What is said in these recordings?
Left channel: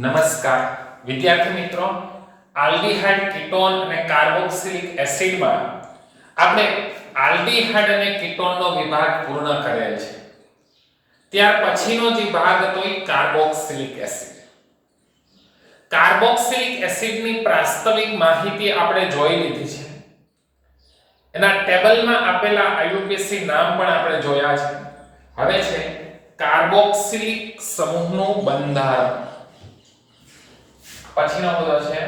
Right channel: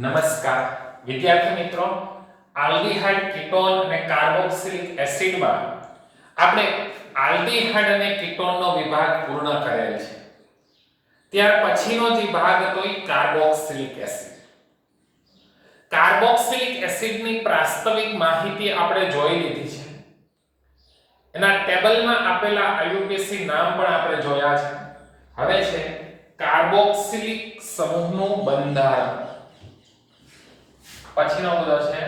નમસ્કાર વિદ્યાર્થી મિત્રો, આલ્ડીહાઇડ કીટોન અને કાર્બોક્સિલિક એસિડમાં આપણે આલ્ડીહાઇડ અને કીટોનનો વિભાગ પૂર્ણ કરેલ છે. ત્યાર પછીનો જે ભાગ હતો એ કાર્બોક્સિલિક એસિડ. કાર્બોક્સિલિક એસિડની પ્રાસ્તવિક માહિતી આપણે જોઈ લીધી છે. એના ટેબલમાં આપેલા આઈયુપીએસી નામ પણ આપણે જોયા છે. હવે છે કાર્બોક્સિલિક સમૂહનું બંધારણ. પછીનો મુદ્દો છે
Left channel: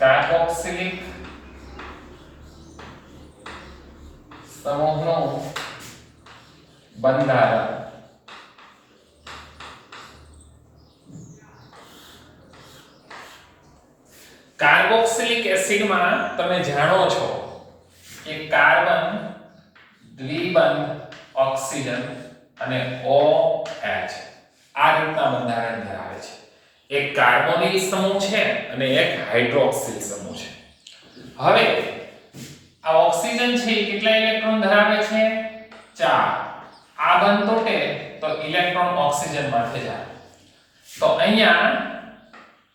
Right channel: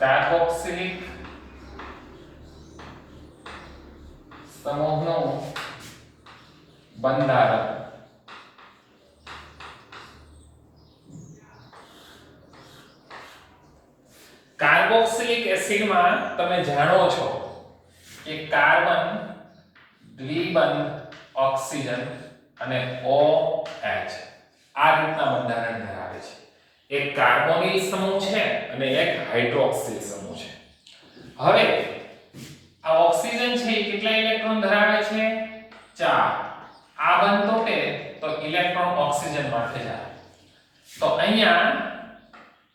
કાર્બોક્સિલિક સમૂહનું બંધારણ. કાર્બોક્સિલિક એસિડમાં તમે જાણો છો કે કાર્બન દ્વિબંધ ઓક્સિજન અને OH આ રીતના બંધારણ ધરાવે છે. એક કાર્બોનિલ સમૂહ છે અને એક હાઇડ્રોક્સિલ સમૂહ છે. હવે આ ઓક્સિજન છે એ કેટલા ઇલેક્ટ્રોન ધરાવે છે? 4. આ બંધ તૂટે તો ઇલેક્ટ્રોન ઓક્સિજન માંથી જાય. તો અહીંયા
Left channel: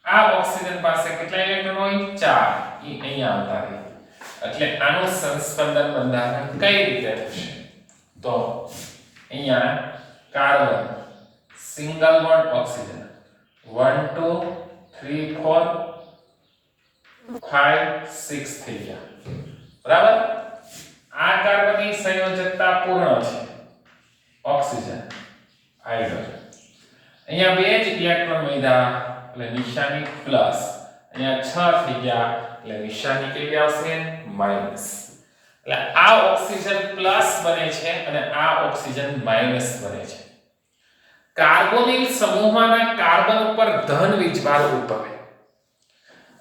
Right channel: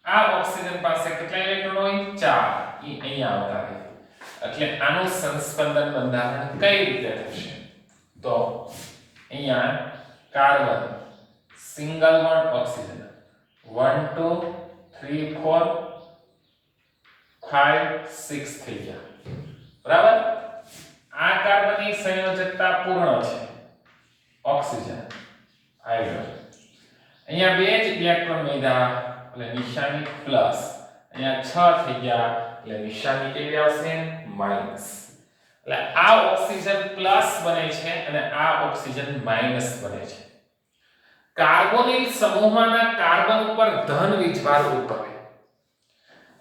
આ ઓક્સિજન પાસે કેટલા ઇલેક્ટ્રોન હોય? 4. એ અહીંયા આવતા રહે. એટલે આનું સંસ્પંદન બંધારણ કઈ રીતે થશે? તો અહીંયા કાર્બન સિંગલ બોન્ડ ઓક્સિજન 1 2 3 4 5 6 થઈ ગયા. બરાબર? આ કાર્બનની સંયોજકતા પૂર્ણ છે. Oxygen hydrogen. અહીંયા બે જ ઇલેક્ટ્રોન વધ્યા એટલે નિશાની પ્લસ. અહીંયા 6 થઈ ગયા એટલે નિશાની કેવી આવશે? માઈનસ. એટલે આ ઓક્સિજન પ્લસ બને છે અને આ ઓક્સિજન માઈનસ બને છે. કાર્બોનિલ સમૂહમાંના કાર્બન ઉપર ધન વીજભાર ઉદ્ભવે.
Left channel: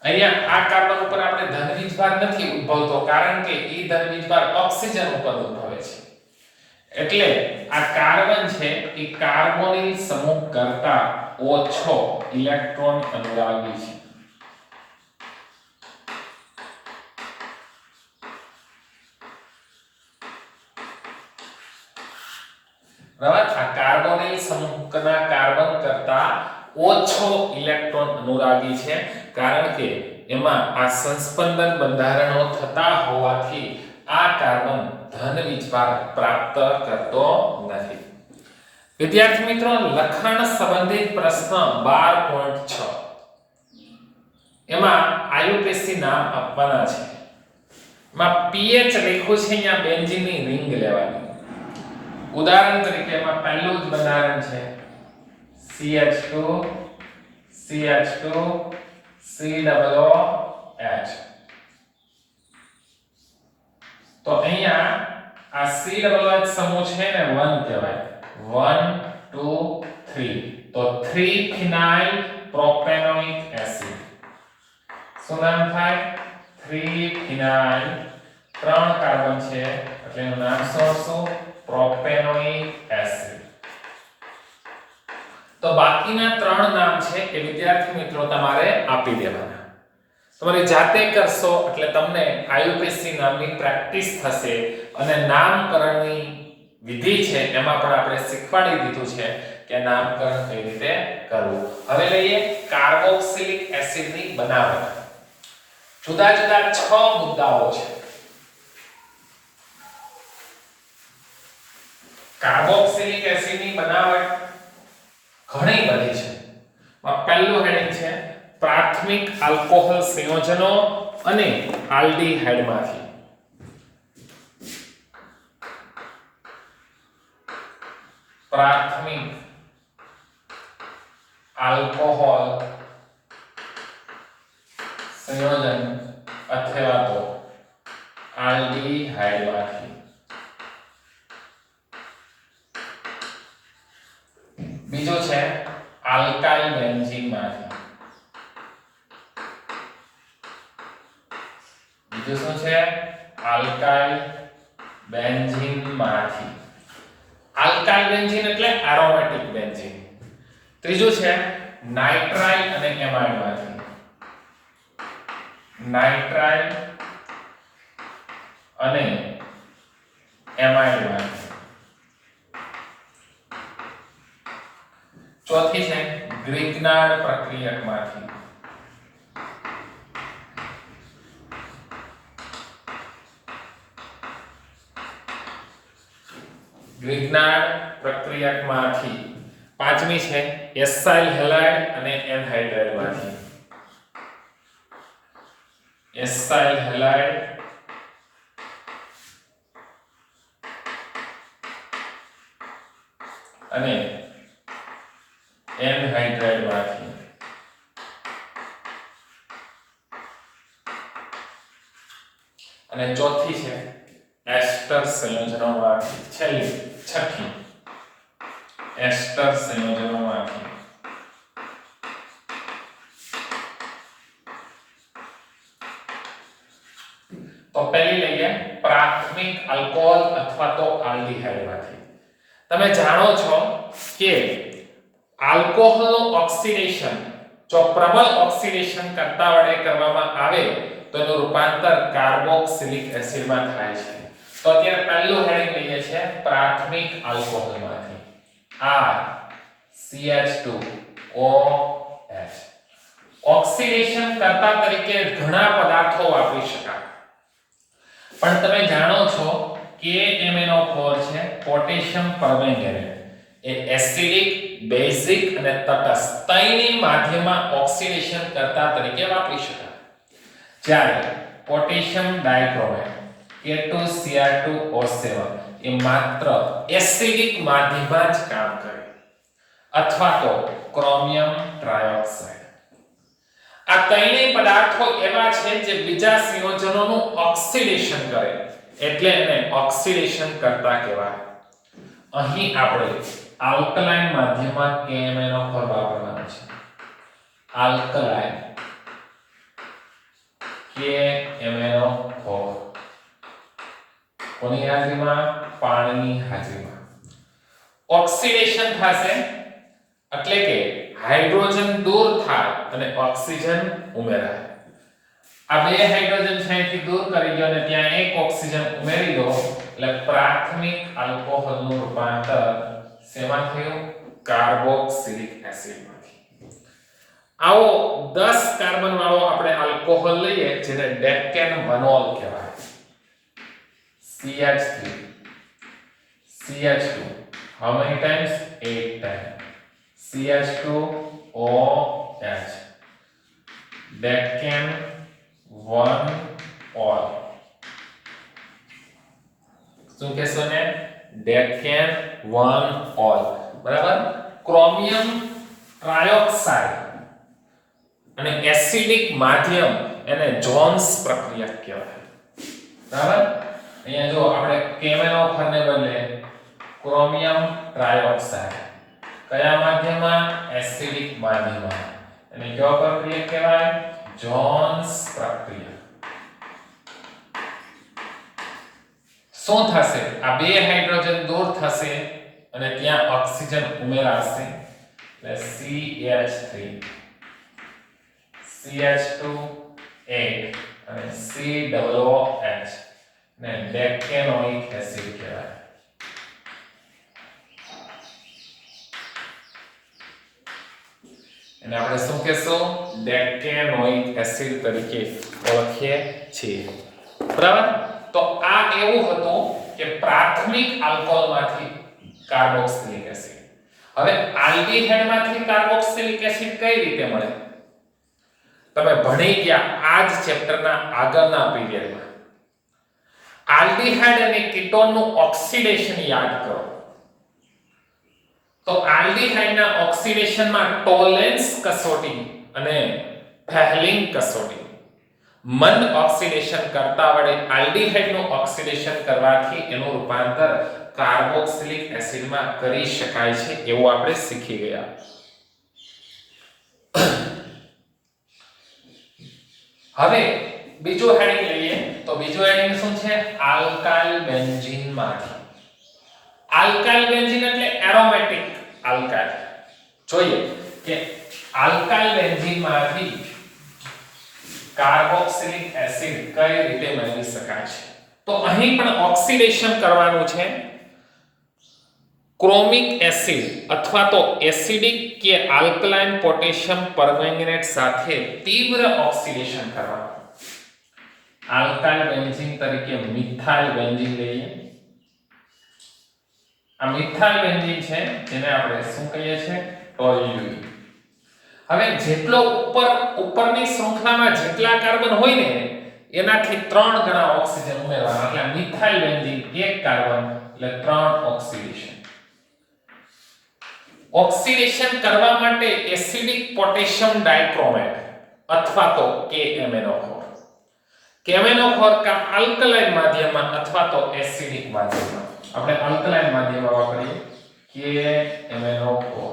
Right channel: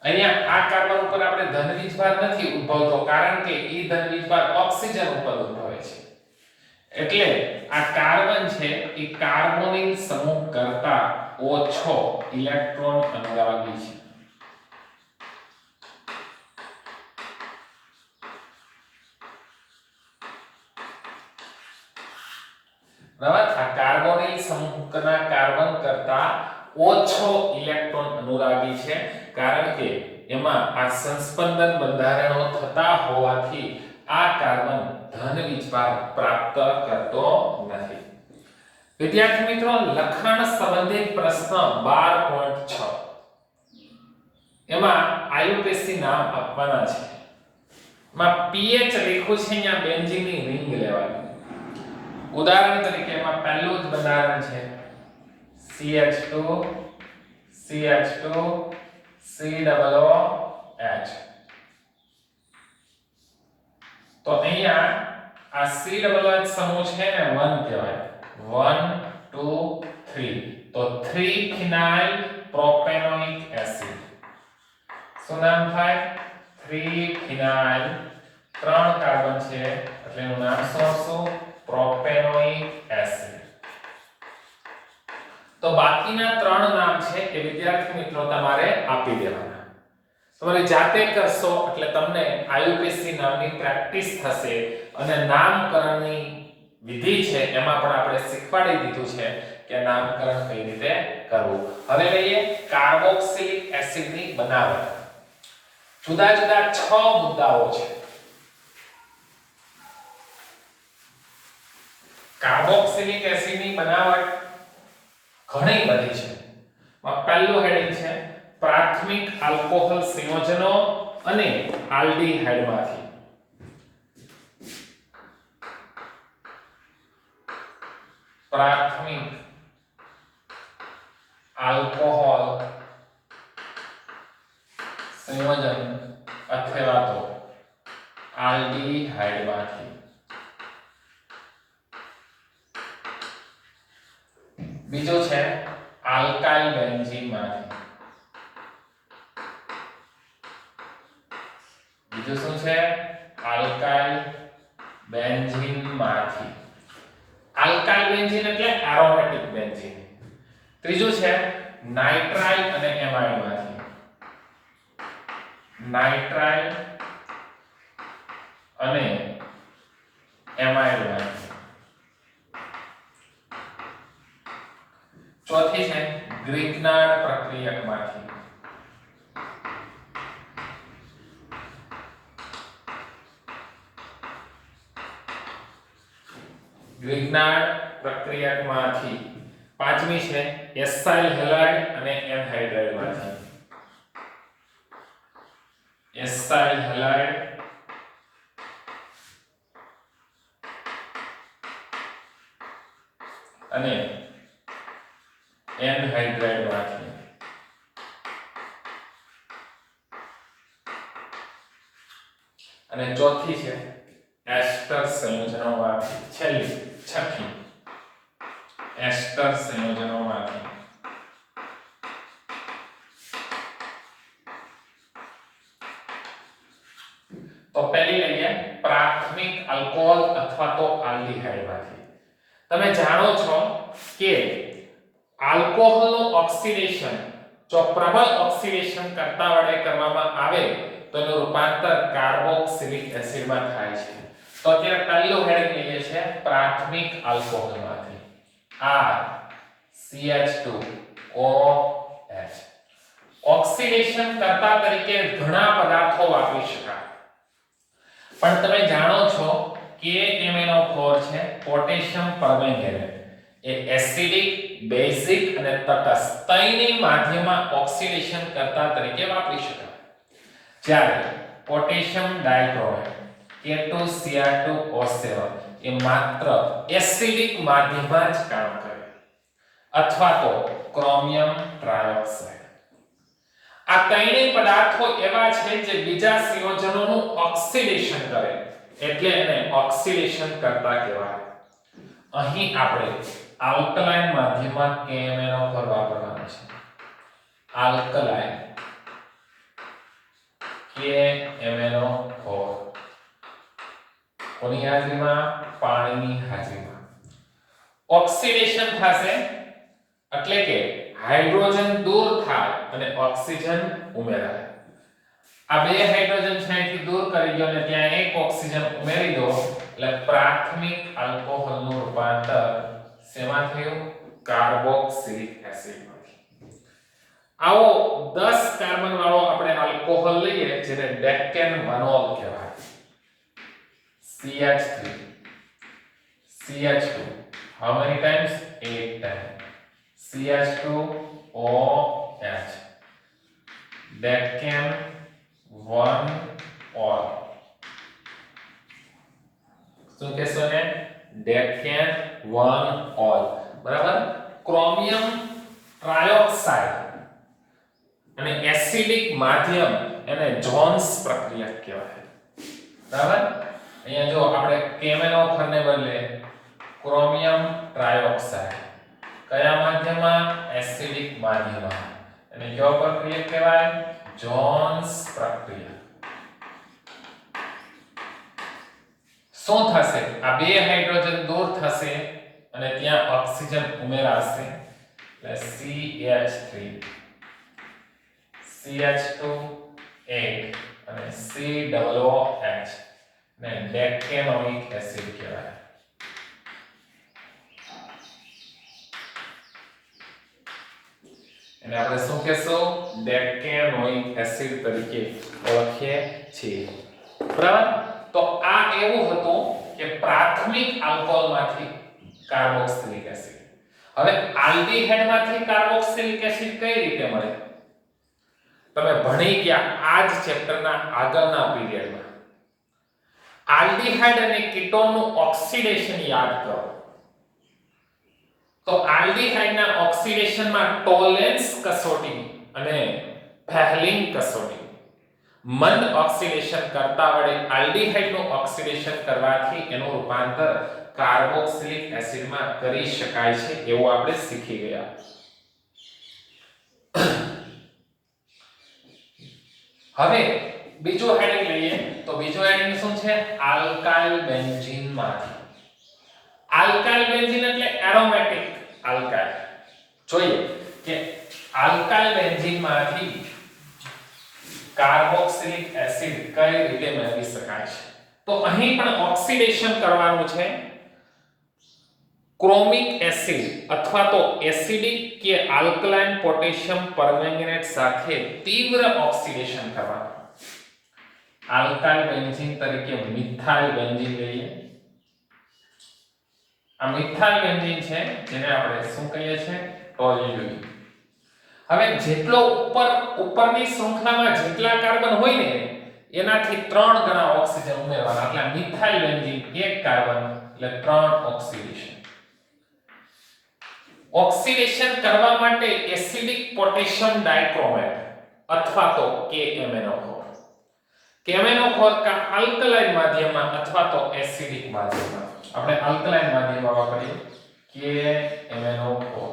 અહીંયા આ કાર્બન ઉપર આપણે ધન વીજભાર નથી ઉદ્ભવતો કારણ કે એ ધન વીજભાર ઓક્સિજન ઉપર ઉદ્ભવે છે. એટલે આ કાર્બન છે એ કાર્બોનિલ સમૂહ કરતા ઓછો ઇલેક્ટ્રોન અનુરાગી છે. બરાબર? આ કાર્બોનિલ સમૂહના કાર્બન કરતા ઓછો ઇલેક્ટ્રોન અનુરાગી છે કારણ કે એમાં આ સંસ્પંદન બંધારણો થતા હોવાથી આ કાર્બન ધન વીજભાર પ્રાપ્ત કરતો નથી. વિદ્યાર્થી મિત્રો, લખાણ સંબંધિત પ્રશ્ન 12.6 એમાં આઈયુપીએસી નામ આપવાના છે. એમાં પીએચ લખ્યું છે, અહીંયા બેન્ઝીનની રિંગ લેવાની. ઉદાહરણ તરીકે એમાં પહેલું જ બંધારણ છે CH2 CH2 COOH. તો અહીંયા આ COOH સમૂહ છે ને 1 કહેવાય. 1 2 3 તો 3 ફિનાઇલ પ્રોપેનોઇક એસિડ. શું નામ થાય? 3 ફિનાઇલ. 3 કાર્બન છે એટલે એનું નામ શું? Propanoic acid. તો બાકીના 3 નામ છે એ વિદ્યાર્થી મિત્રો તમારે આપી દેવાના. તમારી જાતે કરશો એટલે તમને આઈયુપીએસી નામની પ્રેક્ટિસ થશે અને નામકરણની વિધિ છે એમાં પણ આપણે શીખવાડી દીધું છે કે નામકરણ કઈ રીતે કરવું. હવે લઈએ કાર્બોક્સિલિક એસિડની બનાવટ. જુદા જુદા 6 મુદ્દાઓ છે. કાર્બોક્સિલિક એસિડની બનાવટ ઘણી બધી છે. પહેલું હેડિંગ છે પ્રાથમિક આલ્કોહોલ સંયોજનો અને આલ્ડીહાઇડમાંથી. પ્રાથમિક આલ્કોહોલ સંયોજન અથવા તો આલ્ડીહાઇડમાંથી. બીજું છે આલ્કાઇલ બેન્ઝીનમાંથી. બીજું શું છે? આલ્કાઇલ બેન્ઝીનમાંથી. આલ્કાઇલ બેન્ઝીન એટલે એરોમેટિક બેન્ઝીન. ત્રીજું છે નાઇટ્રાઇલ અને એમાઇડમાંથી. નાઇટ્રાઇલ અને એમાઇડમાંથી. ચોથી છે ગ્વિગ્નાર્ડ પ્રક્રિયકમાંથી. ગ્વિગ્નાર્ડ પ્રક્રિયકમાંથી. પાંચમી છે એસાઇલ હેલાઇડ અને એનહાઇડ્રાઇડમાંથી. એસાઇલ હેલાઇડ અને એનહાઇડ્રાઇડમાંથી. અને ચોથી છે એસ્ટર સંયોજનોમાંથી. છઠ્ઠી એસ્ટર સંયોજનોમાંથી. તો પહેલી લઈએ પ્રાથમિક આલ્કોહોલ અથવા તો આલ્ડીહાઇડમાંથી. તમે જાણો છો કે આલ્કોહોલનું ઓક્સિડેશન જો પ્રબળ ઓક્સિડેશન કરતા વડે કરવામાં આવે તો એનું રૂપાંતર કાર્બોક્સિલિક એસિડમાં થાય છે. તો અત્યારે પહેલું હેડિંગ લઈએ છે પ્રાથમિક આલ્કોહોલમાંથી. RCH2OH. ઓક્સિડેશન કરતા તરીકે ઘણા પદાર્થો વાપરી શકાય, પણ તમે જાણો છો કે MnO4 છે પોટેશિયમ પરમેંગેનેટ એ એસિડિક, બેઝિક અને તટસ્થ ત્રણેય માધ્યમમાં ઓક્સિડેશન કરતા તરીકે વાપરી શકાય. જ્યારે પોટેશિયમ ડાઇક્રોમેટ K2Cr2O7 એ માત્ર એસિડિક માધ્યમમાં જ કામ કરે, અથવા તો ક્રોમિયમ ટ્રાયોક્સાઇડ. આ ત્રણેય પદાર્થો એવા છે જે બીજા સંયોજનોનું ઓક્સિડેશન કરે, એટલે એને ઓક્સિડેશન કરતા કહેવાય. અહીં આપણે આલ્કલાઇન માધ્યમમાં KMnO4 વાપરવાનો છે. આલ્કલાઇન KMnO4 કોની હાજરીમાં? પાણીની હાજરીમાં. ઓક્સિડેશન થશે એટલે કે હાઇડ્રોજન દૂર થાય અને ઓક્સિજન ઉમેરાય. આ બે હાઇડ્રોજન છે અહીંથી દૂર કરી દો અને ત્યાં એક ઓક્સિજન ઉમેરી દો એટલે પ્રાથમિક આલ્કોહોલનું રૂપાંતર શેમાં થયું? કાર્બોક્સિલિક એસિડમાંથી. આવો 10 કાર્બન વાળો આપણે આલ્કોહોલ લઈએ જેને ડેકેનવનોલ કહેવાય. CH3 CH2 how many times? 8 times. CH2OH ડેકેનવનોલ. શું કહેશો ને? ડેકેનવનોલ. બરાબર. ક્રોમિયમ ટ્રાયોક્સાઇડ અને એસિડિક માધ્યમ એને જોન્સ પ્રક્રિયા કહેવાય. બરાબર. અહીંયા જો આપણે KMnO4 ને બદલે ક્રોમિયમ ટ્રાયોક્સાઇડ કયા માધ્યમમાં? એસિડિક માધ્યમમાં. અને કયો પ્રક્રિયા કહેવાય? જોન્સ પ્રક્રિયા. શું થશે? આ બે હાઇડ્રોજન દૂર થશે અને ત્યાં ઓક્સિજન ઉમેરાશે એટલે CH3 CH2 8 અને COOH ને ડેકેનોઇક એસિડ કહેવાય. અને આપણે શું કહેશું? ડેકેનોઇક એસિડ તરીકે ઓળખીએ છીએ. બરાબર. તો આ એવું હતું કે પ્રાથમિક આલ્કોહોલમાંથી કાર્બોક્સિલિક એસિડ. હવે આલ્ડીહાઇડમાંથી કાર્બોક્સિલિક એસિડ કઈ રીતે મળે? તમે ભણી ગયા આ જ ચેપ્ટરના આગળના પીરિયડમાં. આલ્ડીહાઇડ અને કીટોનનું ઓક્સિડેશન યાદ કરો. તો આલ્ડીહાઇડના ઓક્સિડેશનમાં ટોલેન્સ કસોટી અને ફેહલિંગ કસોટી મંદ ઓક્સિડેશન કરતા વડે આલ્ડીહાઇડનું ઓક્સિડેશન કરવાથી એનું રૂપાંતર કાર્બોક્સિલિક એસિડમાં કરી શકાય છે એવું આપણે શીખી ગયા. હવે બીજો હેડિંગ લઈએ તો બીજો હેડિંગ શું છે? આલ્કાઇલ બેન્ઝીનમાંથી. આલ્કાઇલ બેન્ઝીન એટલે એરોમેટિક આલ્કાઇલ. જોઈએ કે આલ્કાઇલ બેન્ઝીનમાંથી કાર્બોક્સિલિક એસિડ કઈ રીતે મેળવી શકાય છે. તો તો અહીં પણ ઓક્સિડેશન કરવાનું છે ક્રોમિક એસિડ અથવા તો એસિડિક કે આલ્કલાઇન પોટેશિયમ પરમેંગનેટ સાથે તીવ્ર ઓક્સિડેશન કરવાનું. આલ્કાઇલ બેન્ઝીન તરીકે મિથાઇલ બેન્ઝીન લઈએ. આ મિથાઇલ બેન્ઝીન છે જેને આપણે શું કહીએ છીએ? ટોલ્યુઇન. હવે જેટલો ઉપરની શૃંખલામાં જેટલા કાર્બન હોય ને એનાથી 3 ગણા ઓક્સિજન ઉમેરવાના. એટલે મિથાઇલ બેન્ઝીન 1 કાર્બન એટલે 3 ઓક્સિડેશન. ઓક્સિડેશન કરવા માટે એસિડિક પોટેશિયમ ડાઇક્રોમેટ અથવા તો KMnO4. KMnO4 કા આલ્કલાઇન માધ્યમમાં અથવા તો એસિડિક માધ્યમમાં. આપણે આલ્કલાઇન માધ્યમમાં વાપરીએ KMnO4.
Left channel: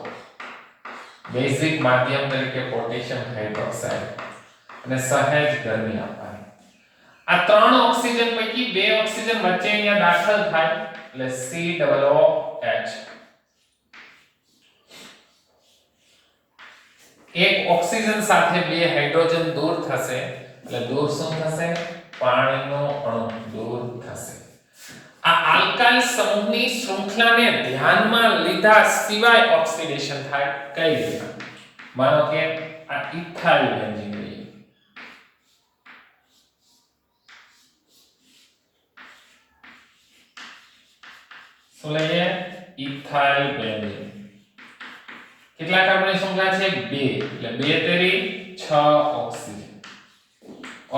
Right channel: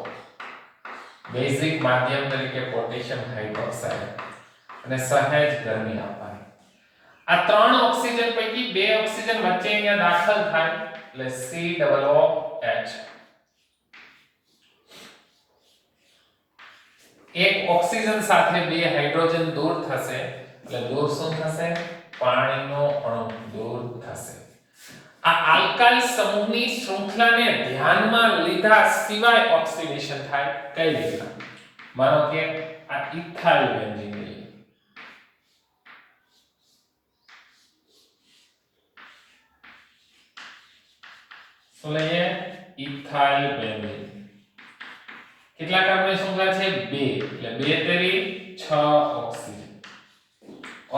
બેઝિક માધ્યમ તરીકે પોટેશિયમ હાઇડ્રોક્સાઇડ અને સહેજ ગરમી આપવાની. આ 3 ઓક્સિજન પૈકી 2 ઓક્સિજન વચ્ચે અહીંયા દાખલ થાય એટલે COOH. એક ઓક્સિજન સાથે 2 હાઇડ્રોજન દૂર થશે એટલે દૂર શું થશે? પાણીનો અણુ દૂર થશે. આ આલ્કાઇલ સમૂહની શૃંખલાને ધ્યાનમાં લીધા સિવાય ઓક્સિડેશન થાય. કઈ રીતે? માનો કે આ ઇથાઇલ બેન્ઝીન લઈએ. શું લઈએ? Ethyl benzene. કેટલા કાર્બનની શૃંખલા છે? 2. એટલે 2 તેરી 6 ઓક્સિજન.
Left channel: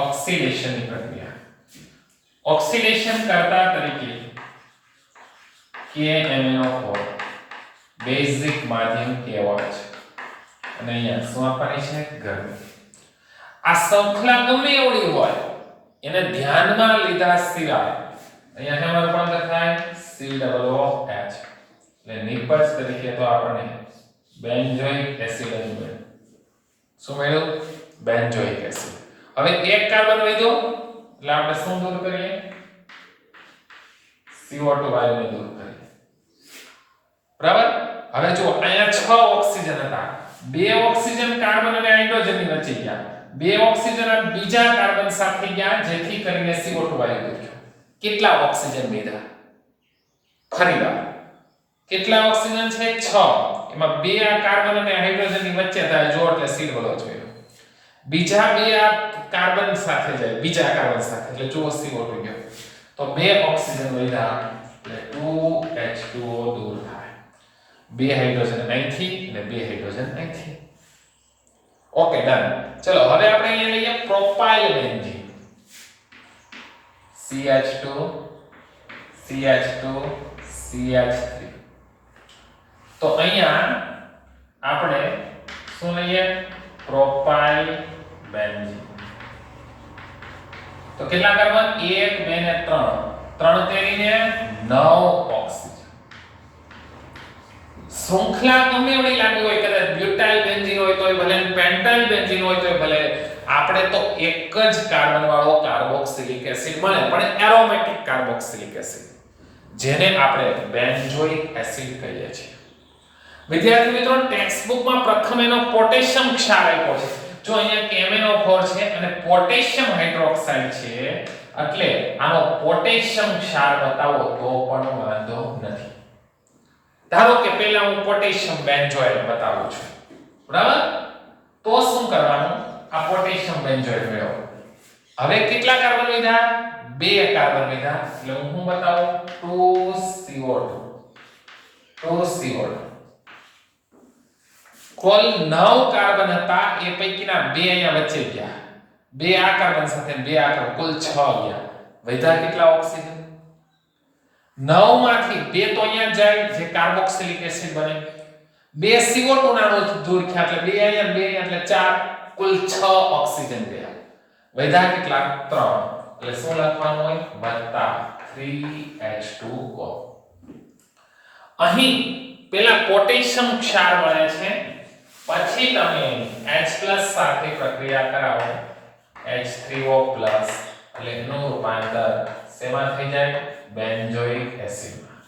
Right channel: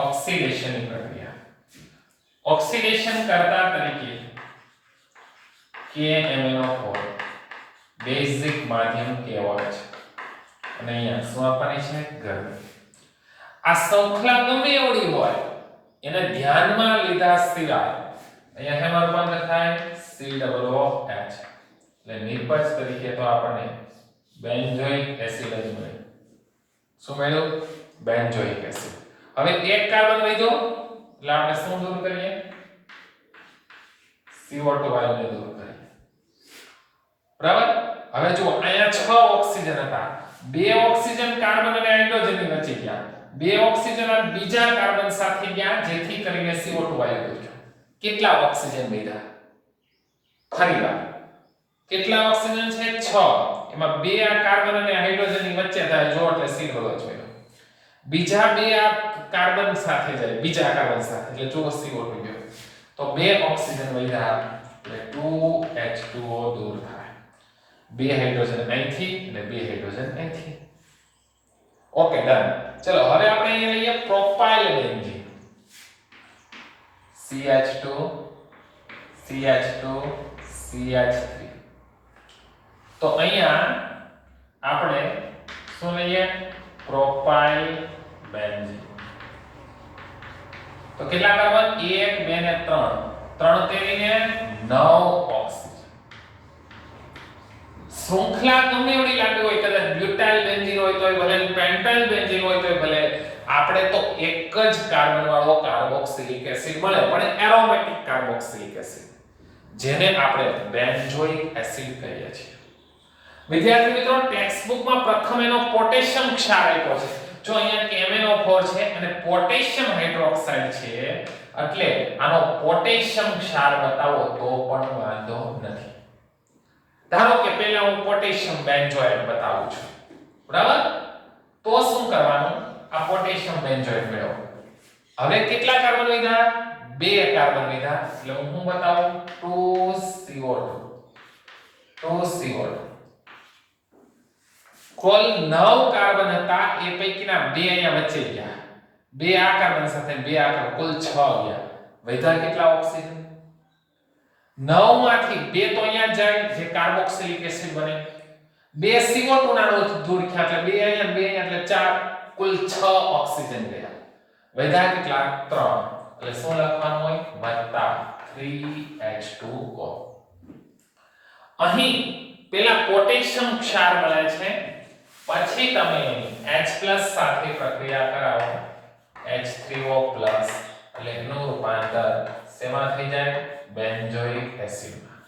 ઓક્સિડેશનની પ્રક્રિયા. ઓક્સિડેશન કરતા તરીકે KMnO4 બેઝિક માધ્યમ કહેવાય છે અને અહીંયા શું આપવાની છે? ગરમી. આ શૃંખલા ગમે એવડી હોય એને ધ્યાનમાં લીધા સિવાય અહીંયા હેમાં રૂપાંતર થાય COOH. એટલે નિપજ તરીકે તો આપણને બેન્ઝોઇક એસિડ જ મળ્યું. શું મળ્યું? Benzoic acid. હવે એક કાર્બન વધ્યો એટલે આપણે શું દૂર કરીએ? CO2 વાયુને દૂર કરીએ. બરાબર? હવે જુઓ અહીંયા 6 ઓક્સિજન હતા. 2 ઓક્સિજન કાર્બન અને હાઇડ્રોજનની વચ્ચે ગયા. 2 ઓક્સિજન આ બીજા કાર્બન સાથે ગયા જેથી કરીને CO2 વાયુ દૂર થયો. કેટલા ઓક્સિજન વધ્યા? ખરી વાત. કેટલા ઓક્સિજન છે? 6. એમાં 2 આ કાર્બન અને હાઇડ્રોજનની વચ્ચે થાય જો એટલે COOH મળ્યો. બીજા 2 આ કાર્બન સાથે જાય બીજા કાર્બન સાથે એટલે જો CO2 ગયો. તો 2 ઓક્સિજન વધ્યા એટલે 2H2O દૂર થાય. 2 હાઇડ્રોજન અહીંથી અને 2 હાઇડ્રોજન અહીંથી. Okay done. ચલો હવે આપણે અહીંયા લઈએ propyl benzene. CH2 CH2 CH3. તો અહીંયા આપણે શું લઈએ? Propyl benzene. તો કેટલા કાર્બન? 1 2 ને 3. 3 તેરીને 9 ઓક્સિજન. શૃંખલા ગમે એવડી લાંબી હોય, કદાચ બ્યુટાઇલ બેન્ઝીન હોય તોય ભલે, પેન્ટાઇલ બેન્ઝીન હોય તોય ભલે, આપણે તો એક જ કાર્બન વાળો કાર્બોક્સિલિક એસિડ મળે, પણ એરોમેટિક કાર્બોક્સિલિક એસિડ જેને આપણે બેન્ઝોઇક એસિડ કહીએ છીએ. વિદ્યાર્થી મિત્રો, ટેક્સ્ટ બુકમાં પ્રથમ એનો પોટેશિયમ ક્ષાર આપ્યો છે. જો અહીંયા KMnO4 છે અને પોટેશિયમ હાઇડ્રોક્સાઇડ છે એટલે આનો પોટેશિયમ ક્ષાર બતાવો તો પણ વાંધો નથી. ધારો કે પહેલા હું પોટેશિયમ બેન્ઝોઇટ બતાવું છું. બરાબર? તો શું કરવાનું? આ પોટેશિયમ બેન્ઝોઇટ મેળવો. હવે કેટલા કાર્બન વધ્યા? 2 કાર્બન વધ્યા એટલે હું શું બતાવું? 2CO2. કુલ 9 કાર્બન હતા એ પૈકીના 2 અહીંયા વચ્ચે ગયા. 2 આ કાર્બન સાથે 2 આ કાર્બન કુલ 6 ગયા. વધ્યા કેટલા ઓક્સિજન? 9 માંથી 2 તો અહીંયા જાય જે કાર્બોક્સિલિક એસિડ બને. 2 CO2 ના દૂર થયા એટલે 2 અહીંયા 2 અહીંયા એટલે 4 કુલ 6 ઓક્સિજન ગયા. વધ્યા કેટલા? 3. એટલે શું લખવાનું હોય? વત્તા 3H2O. અહીં પેલા પોટેશિયમ ક્ષાર મળે છે, પછી તમે H+ સાથે પ્રક્રિયા કરાવો H3O+ એટલે એનું રૂપાંતર શેમાં થઈ જાય? બેન્ઝોઇક એસિડમાં.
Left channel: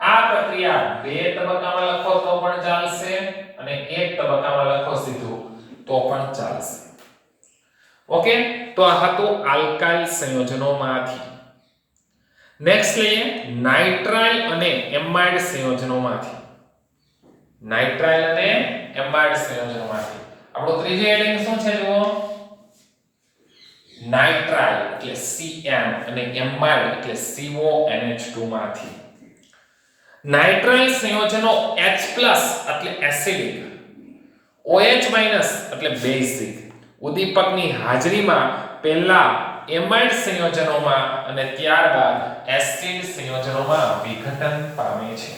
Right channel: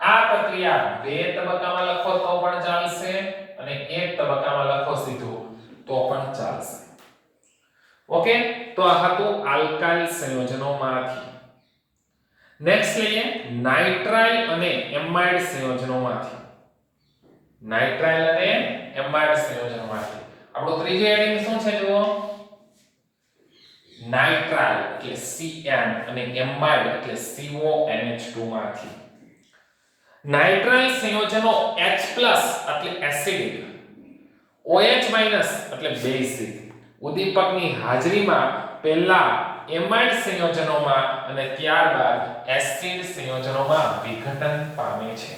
આ પ્રક્રિયા 2 તબક્કામાં લખો તો પણ ચાલશે અને 1 તબક્કામાં લખો સીધું તો પણ ચાલશે. ઓકે, તો આ હતું આલ્કાઇલ સંયોજનોમાંથી. નેક્સ્ટ લઈએ નાઇટ્રાઇલ અને એમાઇડ સંયોજનોમાંથી. નાઇટ્રાઇલ અને એમાઇડ સંયોજનોમાંથી આપણું ત્રીજું એડિંગ શું છે જુઓ. નાઇટ્રાઇલ એટલે Cn અને એમાઇડ એટલે CONH2 માંથી. નાઇટ્રાઇલ સંયોજનો H+ એટલે એસિડિક, OH- એટલે બેઝિક ઉદ્દીપકની હાજરીમાં પહેલા એમાઇડ સંયોજનોમાં અને ત્યારબાદ એસિડ સંયોજનોમાં વિઘટન પામે છે.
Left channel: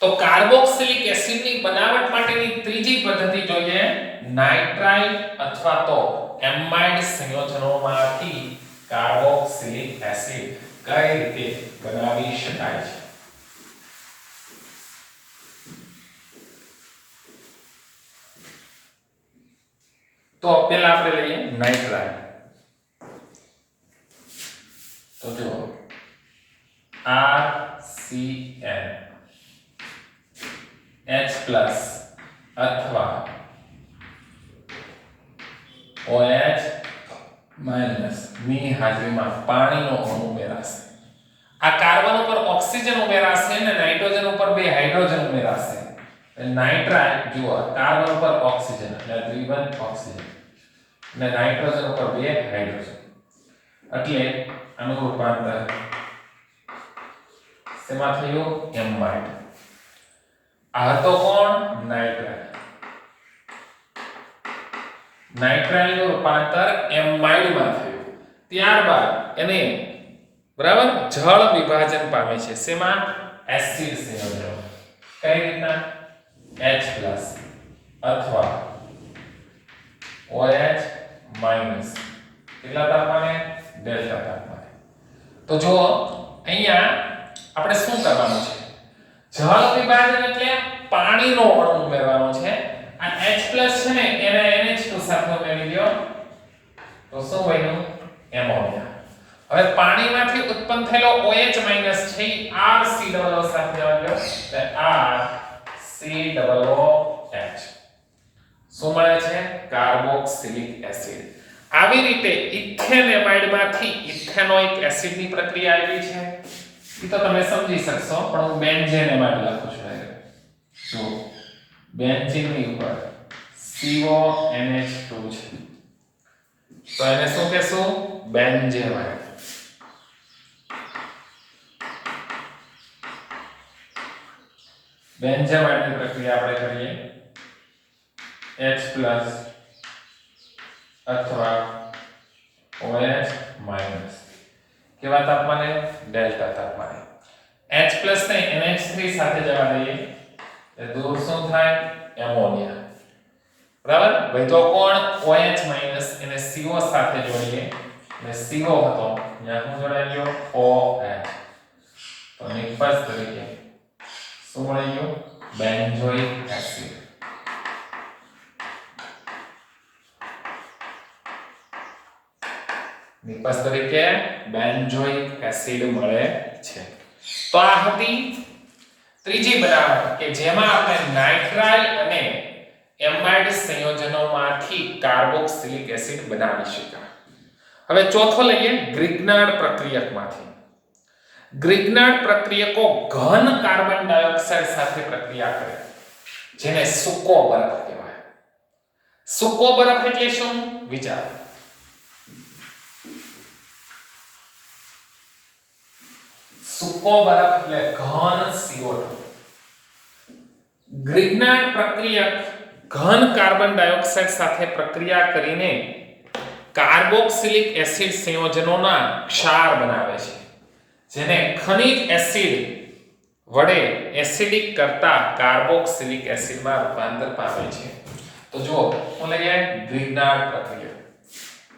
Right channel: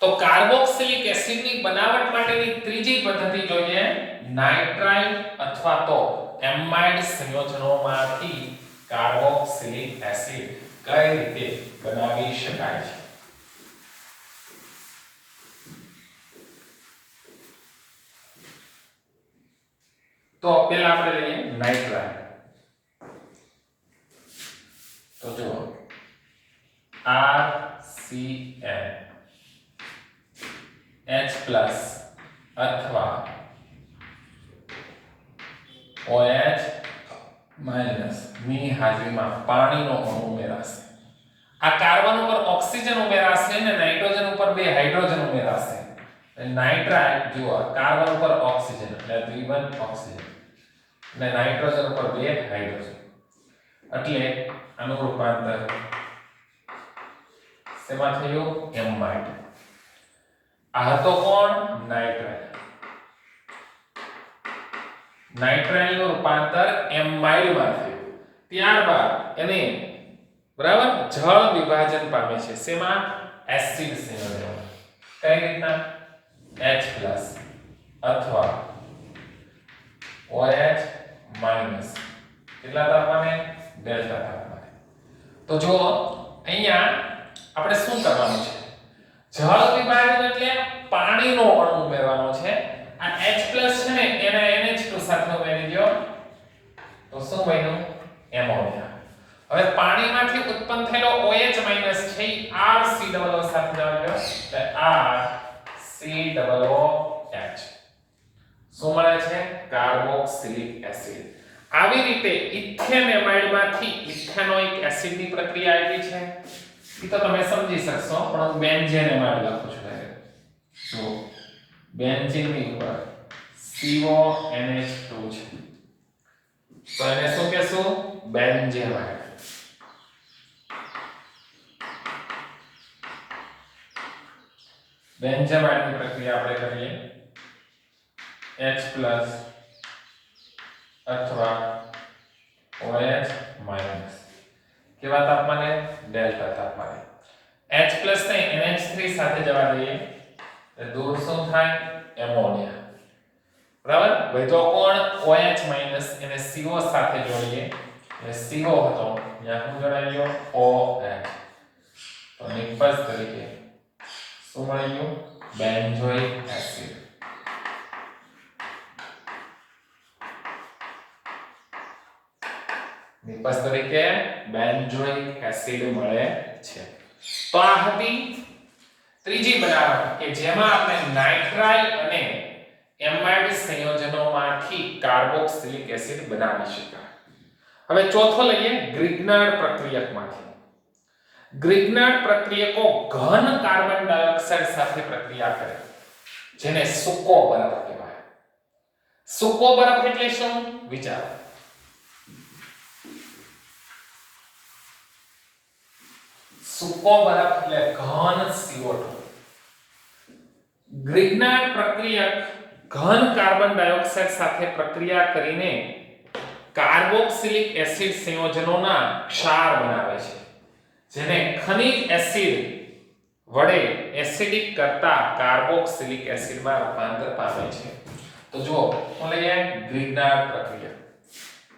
તો કાર્બોક્સિલિક એસિડની બનાવટ માટેની ત્રીજી પદ્ધતિ જોઈએ નાઇટ્રાઇલ અથવા તો એમાઇડ સંયોજનોમાંથી કાર્બોક્સિલિક એસિડ કઈ રીતે બનાવી શકાય છે. તો પહેલા આપણે લઈએ નાઇટ્રાઇલ. તો જો RCN H+ અથવા OH- ની હાજરીમાં પાણીનો અણુ ઉમેરાશે. આ કાર્બન ઉપર ઓક્સિજન ઉમેરાશે અને નાઇટ્રોજન ઉપર બે હાઇડ્રોજન ઉમેરાશે. નાઇટ્રાઇલ જુઓ કાર્બન ઉપર ઓક્સિજન એટલે દ્વિબંધ ઓક્સિજન અને નાઇટ્રોજન ઉપર બે હાઇડ્રોજન એટલે આનું રૂપાંતર શેમાં થયું એમાઇડ. આ હતો કોણ નાઇટ્રાઇલ. નાઇટ્રાઇલ નું રૂપાંતર એમાઇડમાં થયું. ત્યારબાદ એને બરાબર જળ વિભાજન પામે છે શેમાં એસિડ સંયોજન. કઈ રીતના H+ અથવા OH- કેટલા તાપમાને ડેલ્ટા તાપમાને. તો જો અહીંયા આપણે શું કરવાનું છે જળ વિભાજન એટલે પાણીનો અણુ ઉમેરવાનો છે. આ H+ છે ને એને NH2 સાથે ઉમેરી દો તો શું બન્યું એમોનિયા. હવે પાણીમાંથી ઉત્પન્ન થયેલો OH- છે એ RCOO સાથે જવા દો એટલે RCOOH શું મળે છે કાર્બોક્સિલિક એસિડ. આવી રીતે ઇથેન એમાઇડમાંથી ઇથેનોઇક એસિડની પ્રક્રિયા આવી છે. એ તો તમે સમજી શકશો પણ હું બેન્ઝેન એમાઇડ લખું છું. જો બેન્ઝીનની ઉપર CONH2 છે તો એને શું કહેશું બેન્ઝેમાઇડ. બેન્ઝેમાઇડની પ્રક્રિયા આપણે કરીએ H+ અથવા OH- કેવા તાપમાને ડેલ્ટા તાપમાને. H+ ને NH3 સાથે જવા દઈએ એટલે દૂર શું થાય એમોનિયા. બરાબર વધ્યો કોણ OH- એને CO સાથે જોડીએ એટલે CO હતો ત્યાં શું જોડાઈ ગયો OH તો નિપજ તરીકે શું મળી ગયું બેન્ઝોઇક એસિડ. નિપજ તરીકે બેન્ઝોઇક એસિડ મળે છે. તો આ હતી ત્રીજી બનાવટ કે જેમાં આપણે નાઇટ્રાઇલ અને એમાઇડ સંયોજનોમાંથી કાર્બોક્સિલિક એસિડ બનાવી શક્યા. હવે ચોથો લઈએ ગ્રિગ્નાર્ડ પ્રક્રિયકમાંથી. ગ્રિગ્નાર્ડ પ્રક્રિયકો ઘન કાર્બન ડાયોક્સાઇડ સાથે પ્રક્રિયા કરે જેને સૂકો બરફ કહેવાય. સૂકો બરફ એટલે શું વિચારો. સૂકો બરફ એટલે ઘન CO2. ગ્રિગ્નાર્ડ પ્રક્રિયક ઘન કાર્બન ડાયોક્સાઇડ સાથે પ્રક્રિયા કરીને કાર્બોક્સિલિક એસિડ સંયોજનોના ક્ષાર બનાવે છે જેને ખનિજ એસિડ વડે એસિડિક કરતા કાર્બોક્સિલિક એસિડમાં રૂપાંતર પામે છે. તો જો શું લઈએ ગ્રિગ્નાર્ડ પ્રક્રિયક.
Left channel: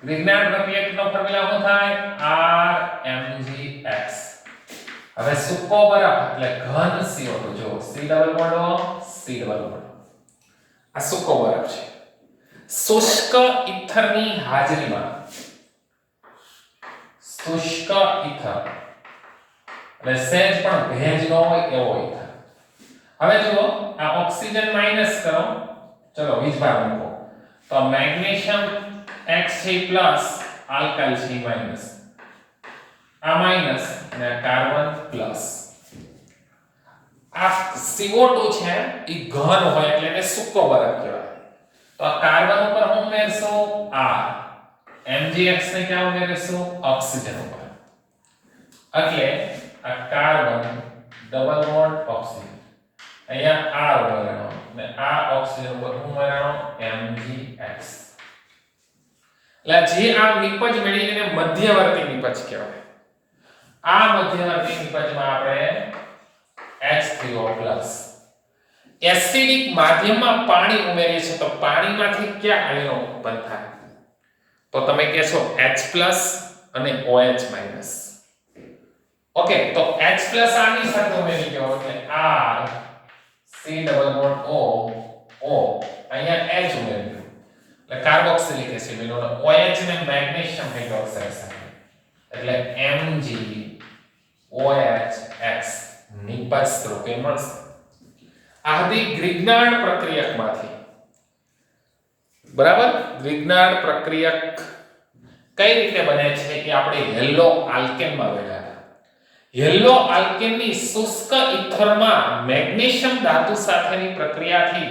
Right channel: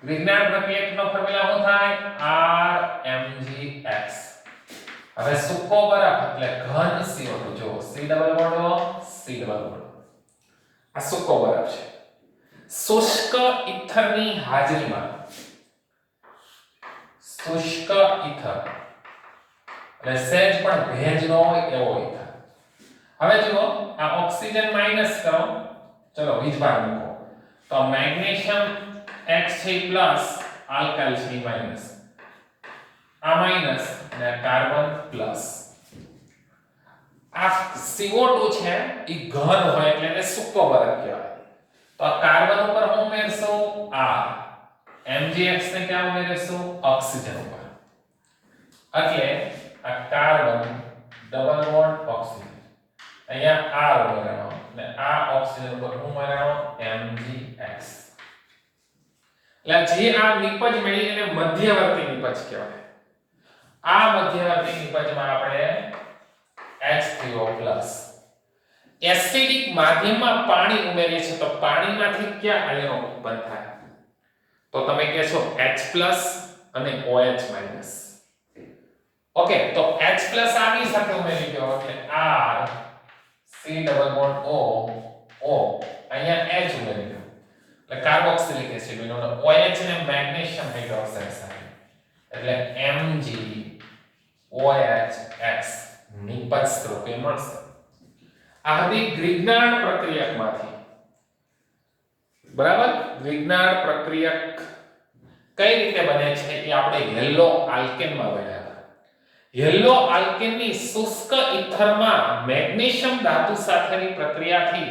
ગ્રિગ્નાર્ડ પ્રક્રિયકનો ફોર્મ્યુલા શું થાય RMgX. હવે સૂકો બરફ એટલે ઘન CO2 જો C double bond C double bond આ સૂકો બરફ છે. શુષ્ક ઇથરની હાજરીમાં શુષ્ક ઇથર એટલે સહેજ પણ ભેજ ન હોય એવો ઇથર. હવે જુઓ આ ઓક્સિજન માઈનસ કરો ચલો વીજભાર મૂકો તો મેગ્નેશિયમ X છે પ્લસ આલ્કાઇલ છે માઈનસ આ માઈનસ અને આ કાર્બન પ્લસ. આ CO2 છે એ ઘન હોય એટલે એને સૂકો બરફ કહેવાય. તો આ કાર્બન ઉપર હું ઉમેરશું R, MgX ને ક્યાં ઉમેરીશું? ઓક્સિજન ઉપર. એટલે આ કાર્બન ડબલ બોન્ડ ઓક્સિજન અહીંયા R ઉમેરવાનો અને આ ઓક્સિજન ઉપર હું ઉમેરવાનો MgX. એટલે જે આ નિપજ મેળવી એને મધ્યવર્તી નિપજ કહેવાય. આ મધ્યવર્તી નિપજમાં આપણે H3O+ એસિડિક માધ્યમમાં પાણી ઉમેરીએ છીએ તો પાણીમાંથી કયા આયનો ઉત્પન્ન થાય? તો તમે કહેશો H+ અને OH-. ઓકે, તો H+ આની સાથે ઉમેરી ગયો એટલે R C double bond O O અહીંયા H ઉમેરી ગયો એટલે કાર્બોક્સિલિક એસિડ બન્યો અને OH ને મેગ્નેશિયમ હાઇડ્રોક્સાઇડ સાથે એટલે MgOHX નિપજ સ્વરૂપે મળશે. આ હતી ગ્રિગ્નાર્ડ પ્રક્રિયકમાંથી. બરાબર, ગ્રિગ્નાર્ડ પ્રક્રિયક કઈ રીતે બને છે એ આપણે યલો આલ્કેનમાં ભણ્યા હતા. યલો આલ્કેનની શુષ્ક ઇથરમાં મેગ્નેશિયમ ધાતુ સાથેની પ્રક્રિયાથી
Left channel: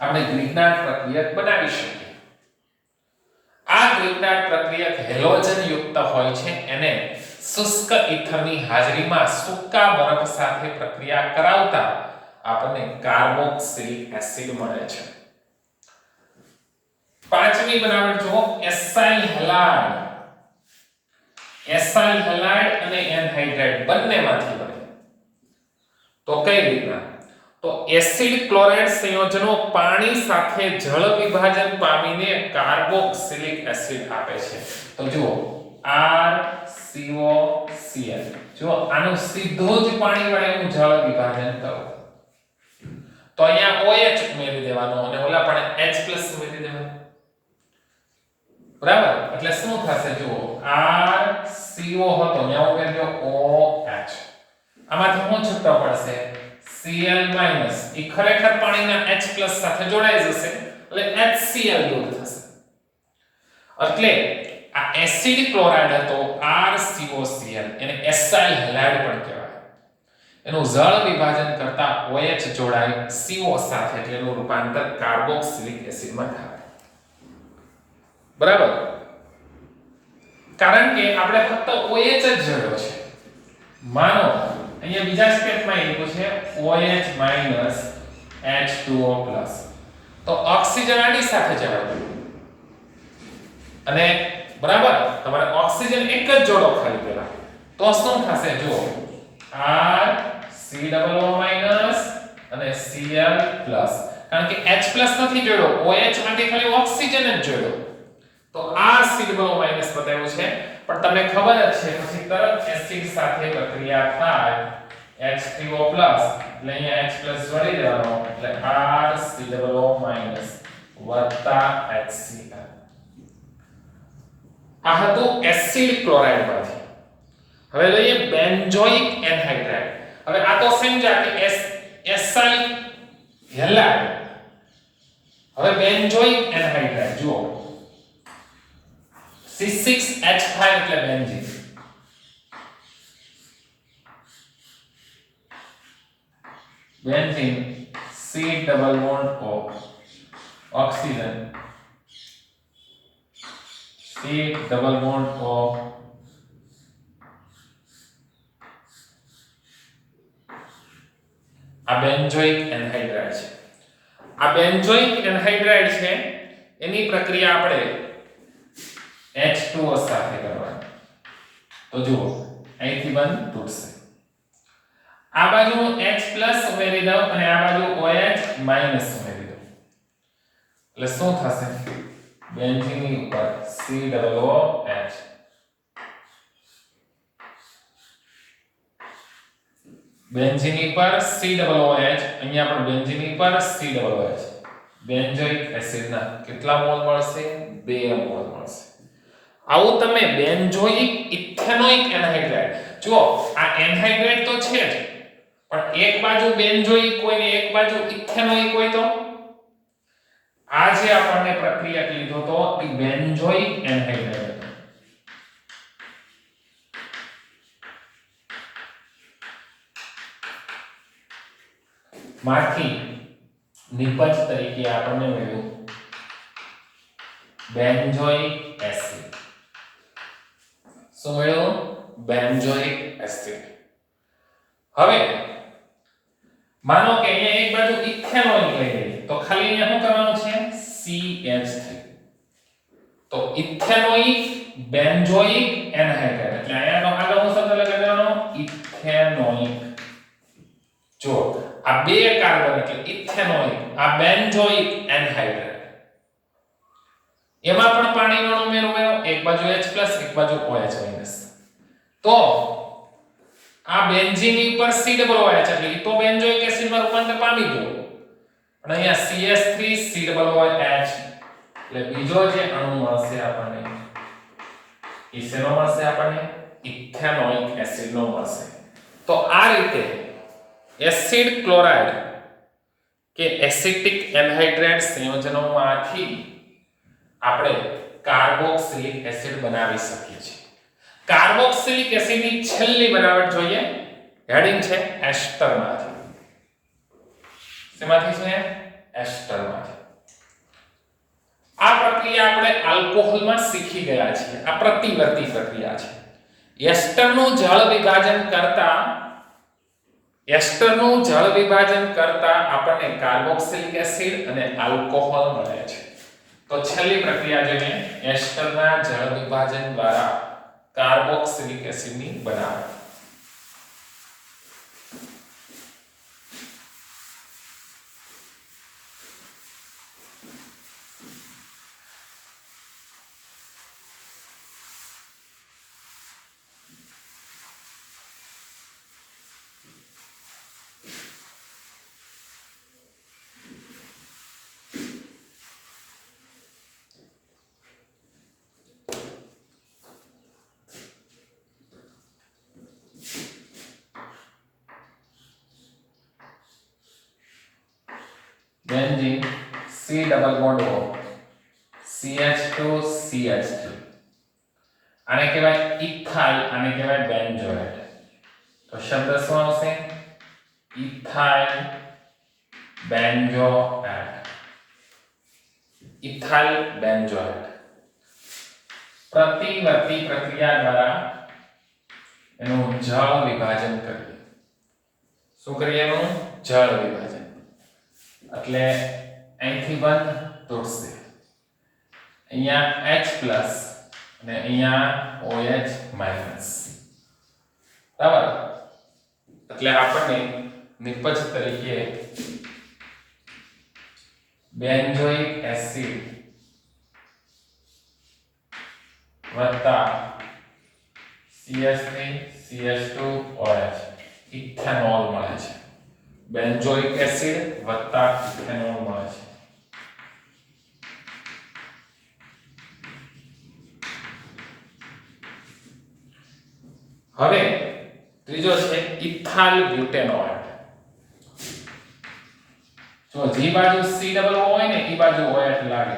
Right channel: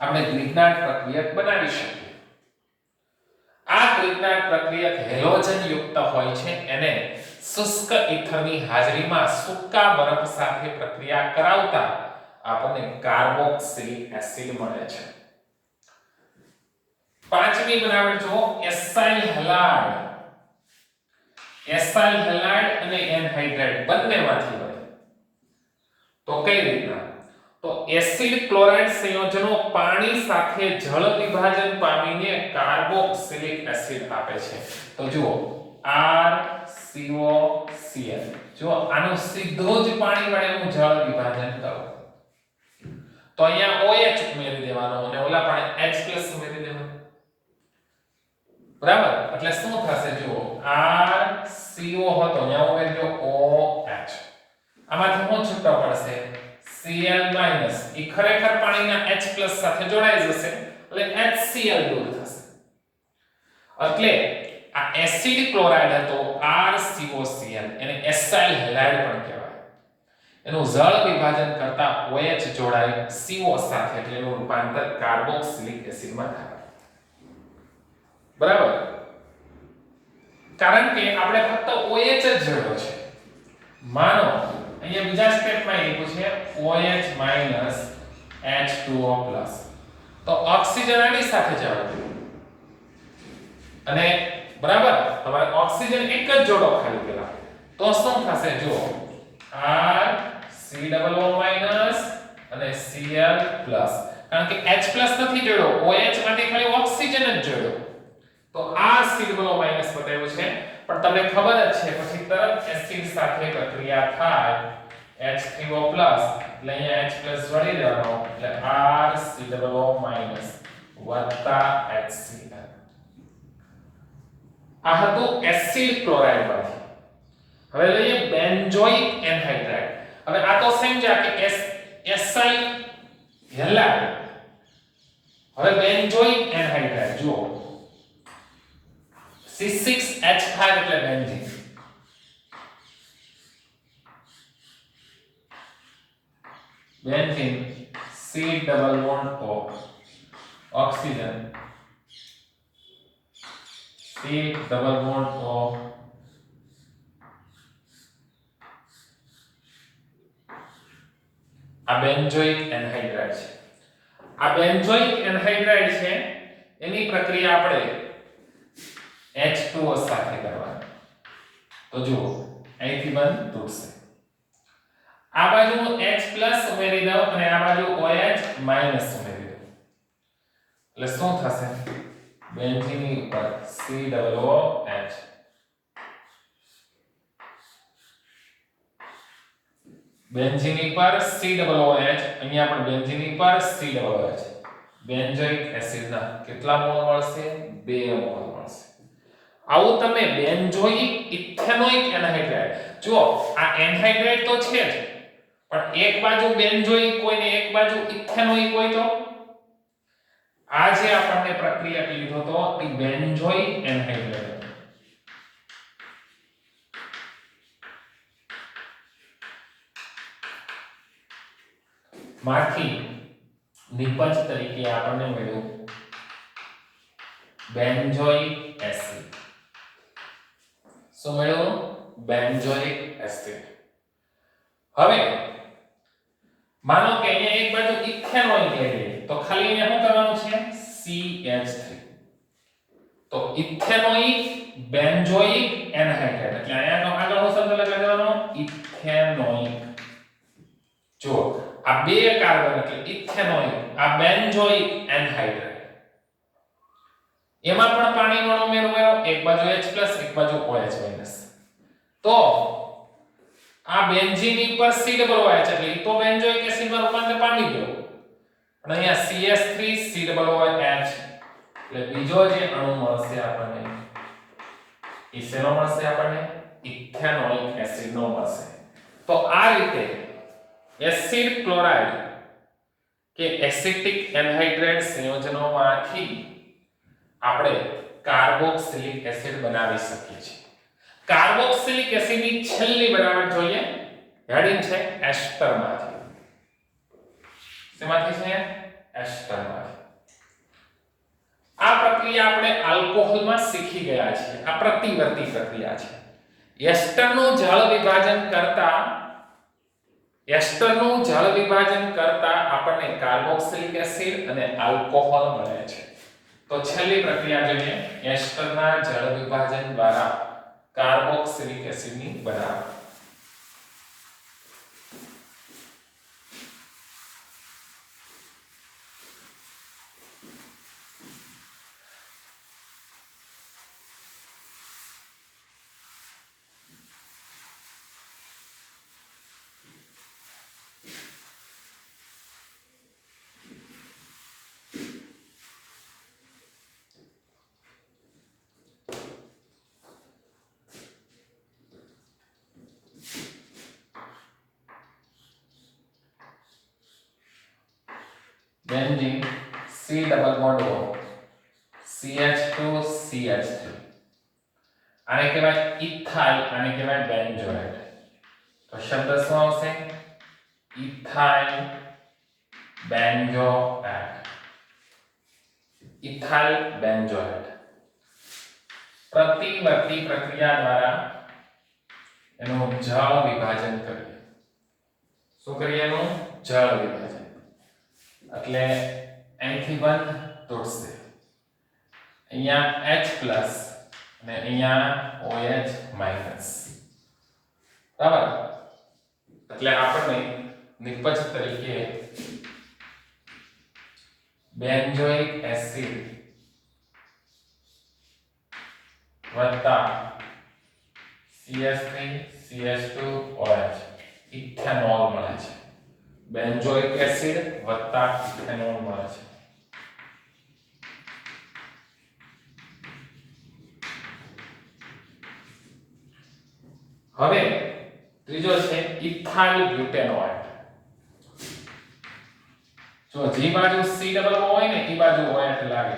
આપણે ગ્રિગ્નાર્ડ પ્રક્રિયક બનાવી શકીએ. આ ગ્રિગ્નાર્ડ પ્રક્રિયક હેલોજન યુક્ત હોય છે. એને શુષ્ક ઇથરની હાજરીમાં સૂકા બરફ સાથે પ્રક્રિયા કરાવતા આપણને કાર્બોક્સિલિક એસિડ મળે છે. પાંચમી બનાવટ જો એસાઇલ હેલાઇડ. એસાઇલ હેલાઇડ અને એનહાઇડ્રાઇડ બંનેમાંથી બને. તો કઈ રીતના? તો એસિડ ક્લોરાઇડ સંયોજનો પાણી સાથે જળ વિભાજન પામીને કાર્બોક્સિલિક એસિડ આપે છે. તો જુઓ RCOCl. જો આનું સીધું જ પાણી વડે હું જળ વિભાજન કરું તો અહીંયા OH ઉમેરી દેવાનો અને ઓલા પણ H+ ઉમેરી દેવાનો. બરાબર, એટલે શું થશે? જુઓ RCO હતો અહીંયા ઉમેરજો OH. આમાંથી શું છૂટો પડશે? Cl- એ ખરેખર પાણીના H+ સાથે જોડાઈ જશે એટલે HCl દૂર થશે. એટલે આ એસિડ ક્લોરાઇડ હતો RCOCl એને એસાઇલ હેલાઇડ પણ કહેવાય. એનું જળ વિભાજન કરતા OH જોડાઈ CO સાથે એટલે એનું રૂપાંતર કાર્બોક્સિલિક એસિડમાં થાય. બરાબર, કારણ કે આપણે ફક્ત OH જ જોડ્યો છે. માનો અહીંયા બીજા સ્ટેપમાં એવું છે OH- H2O+. તો ઓક્સિજન આની સાથે જવાય અને બરાબર તમારે ઓક્સિજન એક જ જોડો ખાલી પેલા તો શું થશે? જુઓ RCOO- અને Cl+. કારણ કે H+ નથી જોડ્યો, OH માંથી ખાલી ઓક્સિજન જ જોડ્યો તો RCOO- બતાવ્યું છે. પણ તમને ખબર જ છે પછી તરત એસિડ સાથે પ્રક્રિયા થાય H3O+ એટલે અહીંયા H+ જોડી દેવાનો એટલે RCOO- HCl. આ હતું એસિડ ક્લોરાઇડ માંથી. હવે લઈએ બેન્ઝોઇક એનહાઇડ્રાઇડ. હવે આ તો સમજ્યા કે એસાઇલ હેલાઇડ. હવે બેન્ઝોઇક એનહાઇડ્રાઇડ જુઓ C6H5 એટલે benzene. Benzene C double bond O oxygen C double bond O આ બેન્ઝોઇક એનહાઇડ્રાઇડ છે. આ બેન્ઝોઇક એનહાઇડ્રાઇડ છે એની પ્રક્રિયા આપણે H2O સાથે કરવાની. તો જુઓ અહીંથી બંધ તૂટશે. આ બાજુ H+ ઉમેરી દઉં અને આ બાજુ OH- ઉમેરી દઉં એટલે શું થશે? બેન્ઝીનની ઉપર COOH બેન્ઝીન પર COOH અહીંયા પણ બેન્ઝીન પર COOH બેન્ઝોઇક એસિડના કેટલા મોલ મળશે? 2 મોલ મળશે. આવું તમે બેન્ઝોઇક ઇથેનોઇક એનહાઇડ્રાઇડ જો આ એનહાઇડ્રાઇડ તો છે જ પણ એક બાજુ બેન્ઝોઇક હોય ને એક બાજુ ઇથેનોઇક હોય તો આ જે આપણને પ્રક્રિયા લીધો તો એ બેન્ઝોઇક એનહાઇડ્રાઇડ હતો. માંથી નિપજ તરીકે આપણને મળ્યું બેન્ઝોઇક એસિડ. શું મળ્યું? Benzoic acid. હવે માનો કે અહીંયા એક બાજુ ઇથેનોઇક લઈ લઈએ તો ખાલી અહીંયા શું કરવાનું છે? CH3. તો ઇથેનોઇક બેન્ઝોઇક એનહાઇડ્રાઇડ એટલે અહીંયાનો આગળ હું શબ્દ લગાડવાનો ઇથેનોઇક. જો આ બે કાર્બન એટલે ઇથેનોઇક, આ બેન્ઝોઇક એનહાઇડ્રાઇડ, એમાં પણ પાણીનો અણુ ઉમેરો, એક બાજુ H+ એક બાજુ OH-. તો આ બેન્ઝીન ઉપર C ડબલ OH એટલે ઈ તો બેન્ઝોઇક એસિડમાં રૂપાંતર પામી ગયો, પણ અહીંયા CH3 C ડબલ OH એટલે બીજો જે અણુ મળશે આપણને ઈ શેનો મળશે? આપણને ઇથેનોઇક એસિડનો મળશે. તો આ રીતે એસિડ ક્લોરાઇડ કે એસિટિક એનહાઇડ્રાઇડ સંયોજનોમાંથી આપણે કાર્બોક્સિલિક એસિડ બનાવી શકીએ છીએ. કાર્બોક્સિલિક એસિડની છેલ્લી બનાવટ જોઈએ. હેડિંગ છે એસ્ટરમાંથી. શેમાંથી છે? એસ્ટરમાંથી. આ પ્રક્રિયા આપણે આલ્કોહોલમાં શીખી ગયા છીએ. આ પ્રતિવર્તી પ્રક્રિયા છે. એસ્ટરનું જળ વિભાજન કરતા આપણને કાર્બોક્સિલિક એસિડ અને આલ્કોહોલ મળે છે. તો છેલ્લી પ્રક્રિયા જોઈએ એસ્ટરના જળ વિભાજન દ્વારા કાર્બોક્સિલિક એસિડની બનાવટ. Benzene C double bond O CH2 CH3 આને કહેવાય ઇથાઇલ, આને કહેવાય બેન્ઝોએટ. તો શબ્દ શું આવશે? Ethyl benzoate. Ethyl benzoate. પ્રતિવર્તી પ્રક્રિયા દ્વારા એનું જળ વિભાજન કરીએ. શું કરીએ? એનું જળ વિભાજન. એટલે અહીંથી બંધ તૂટશે, અહીંયા H+ અને અહીંયા OH-. બરાબર? એટલે આપણને નિપજ તરીકે બેન્ઝોઇક એસિડ વત્તા CH3 CH2 OH ઇથેનોલ મળે છે. બેન્ઝોઇક એસિડ વત્તા ઇથેનોલ મળે છે. હવે ત્રીજો છે ઇથાઇલ બ્યુટેનોએટ. જો જે બાજુ C ડબલ O હોય ને એ બાજુ OH લાગે.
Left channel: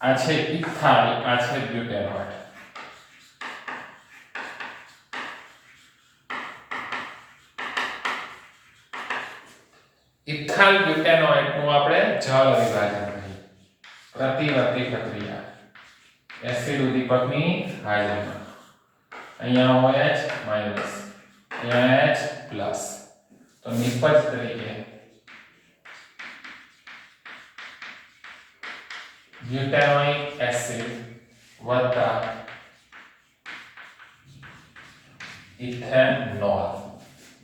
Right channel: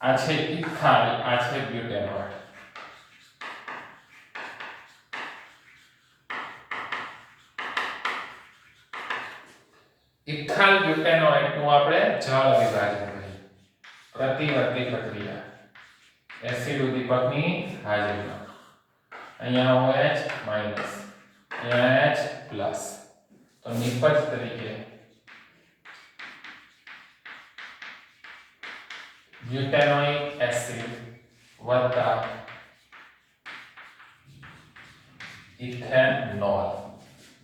આ છે ઇથાઇલ, આ છે બ્યુટેનોએટ. ઇથાઇલ બ્યુટેનોએટ નું આપણે જળ વિભાજન કરીએ. પ્રતિવર્તી પ્રક્રિયા એસિડ ઉદ્દીપકની હાજરીમાં. અહીંયા OH-, અહીંયા H+. તો નિપજ તરીકે બ્યુટેનોઇક એસિડ વત્તા ઇથેનોલ.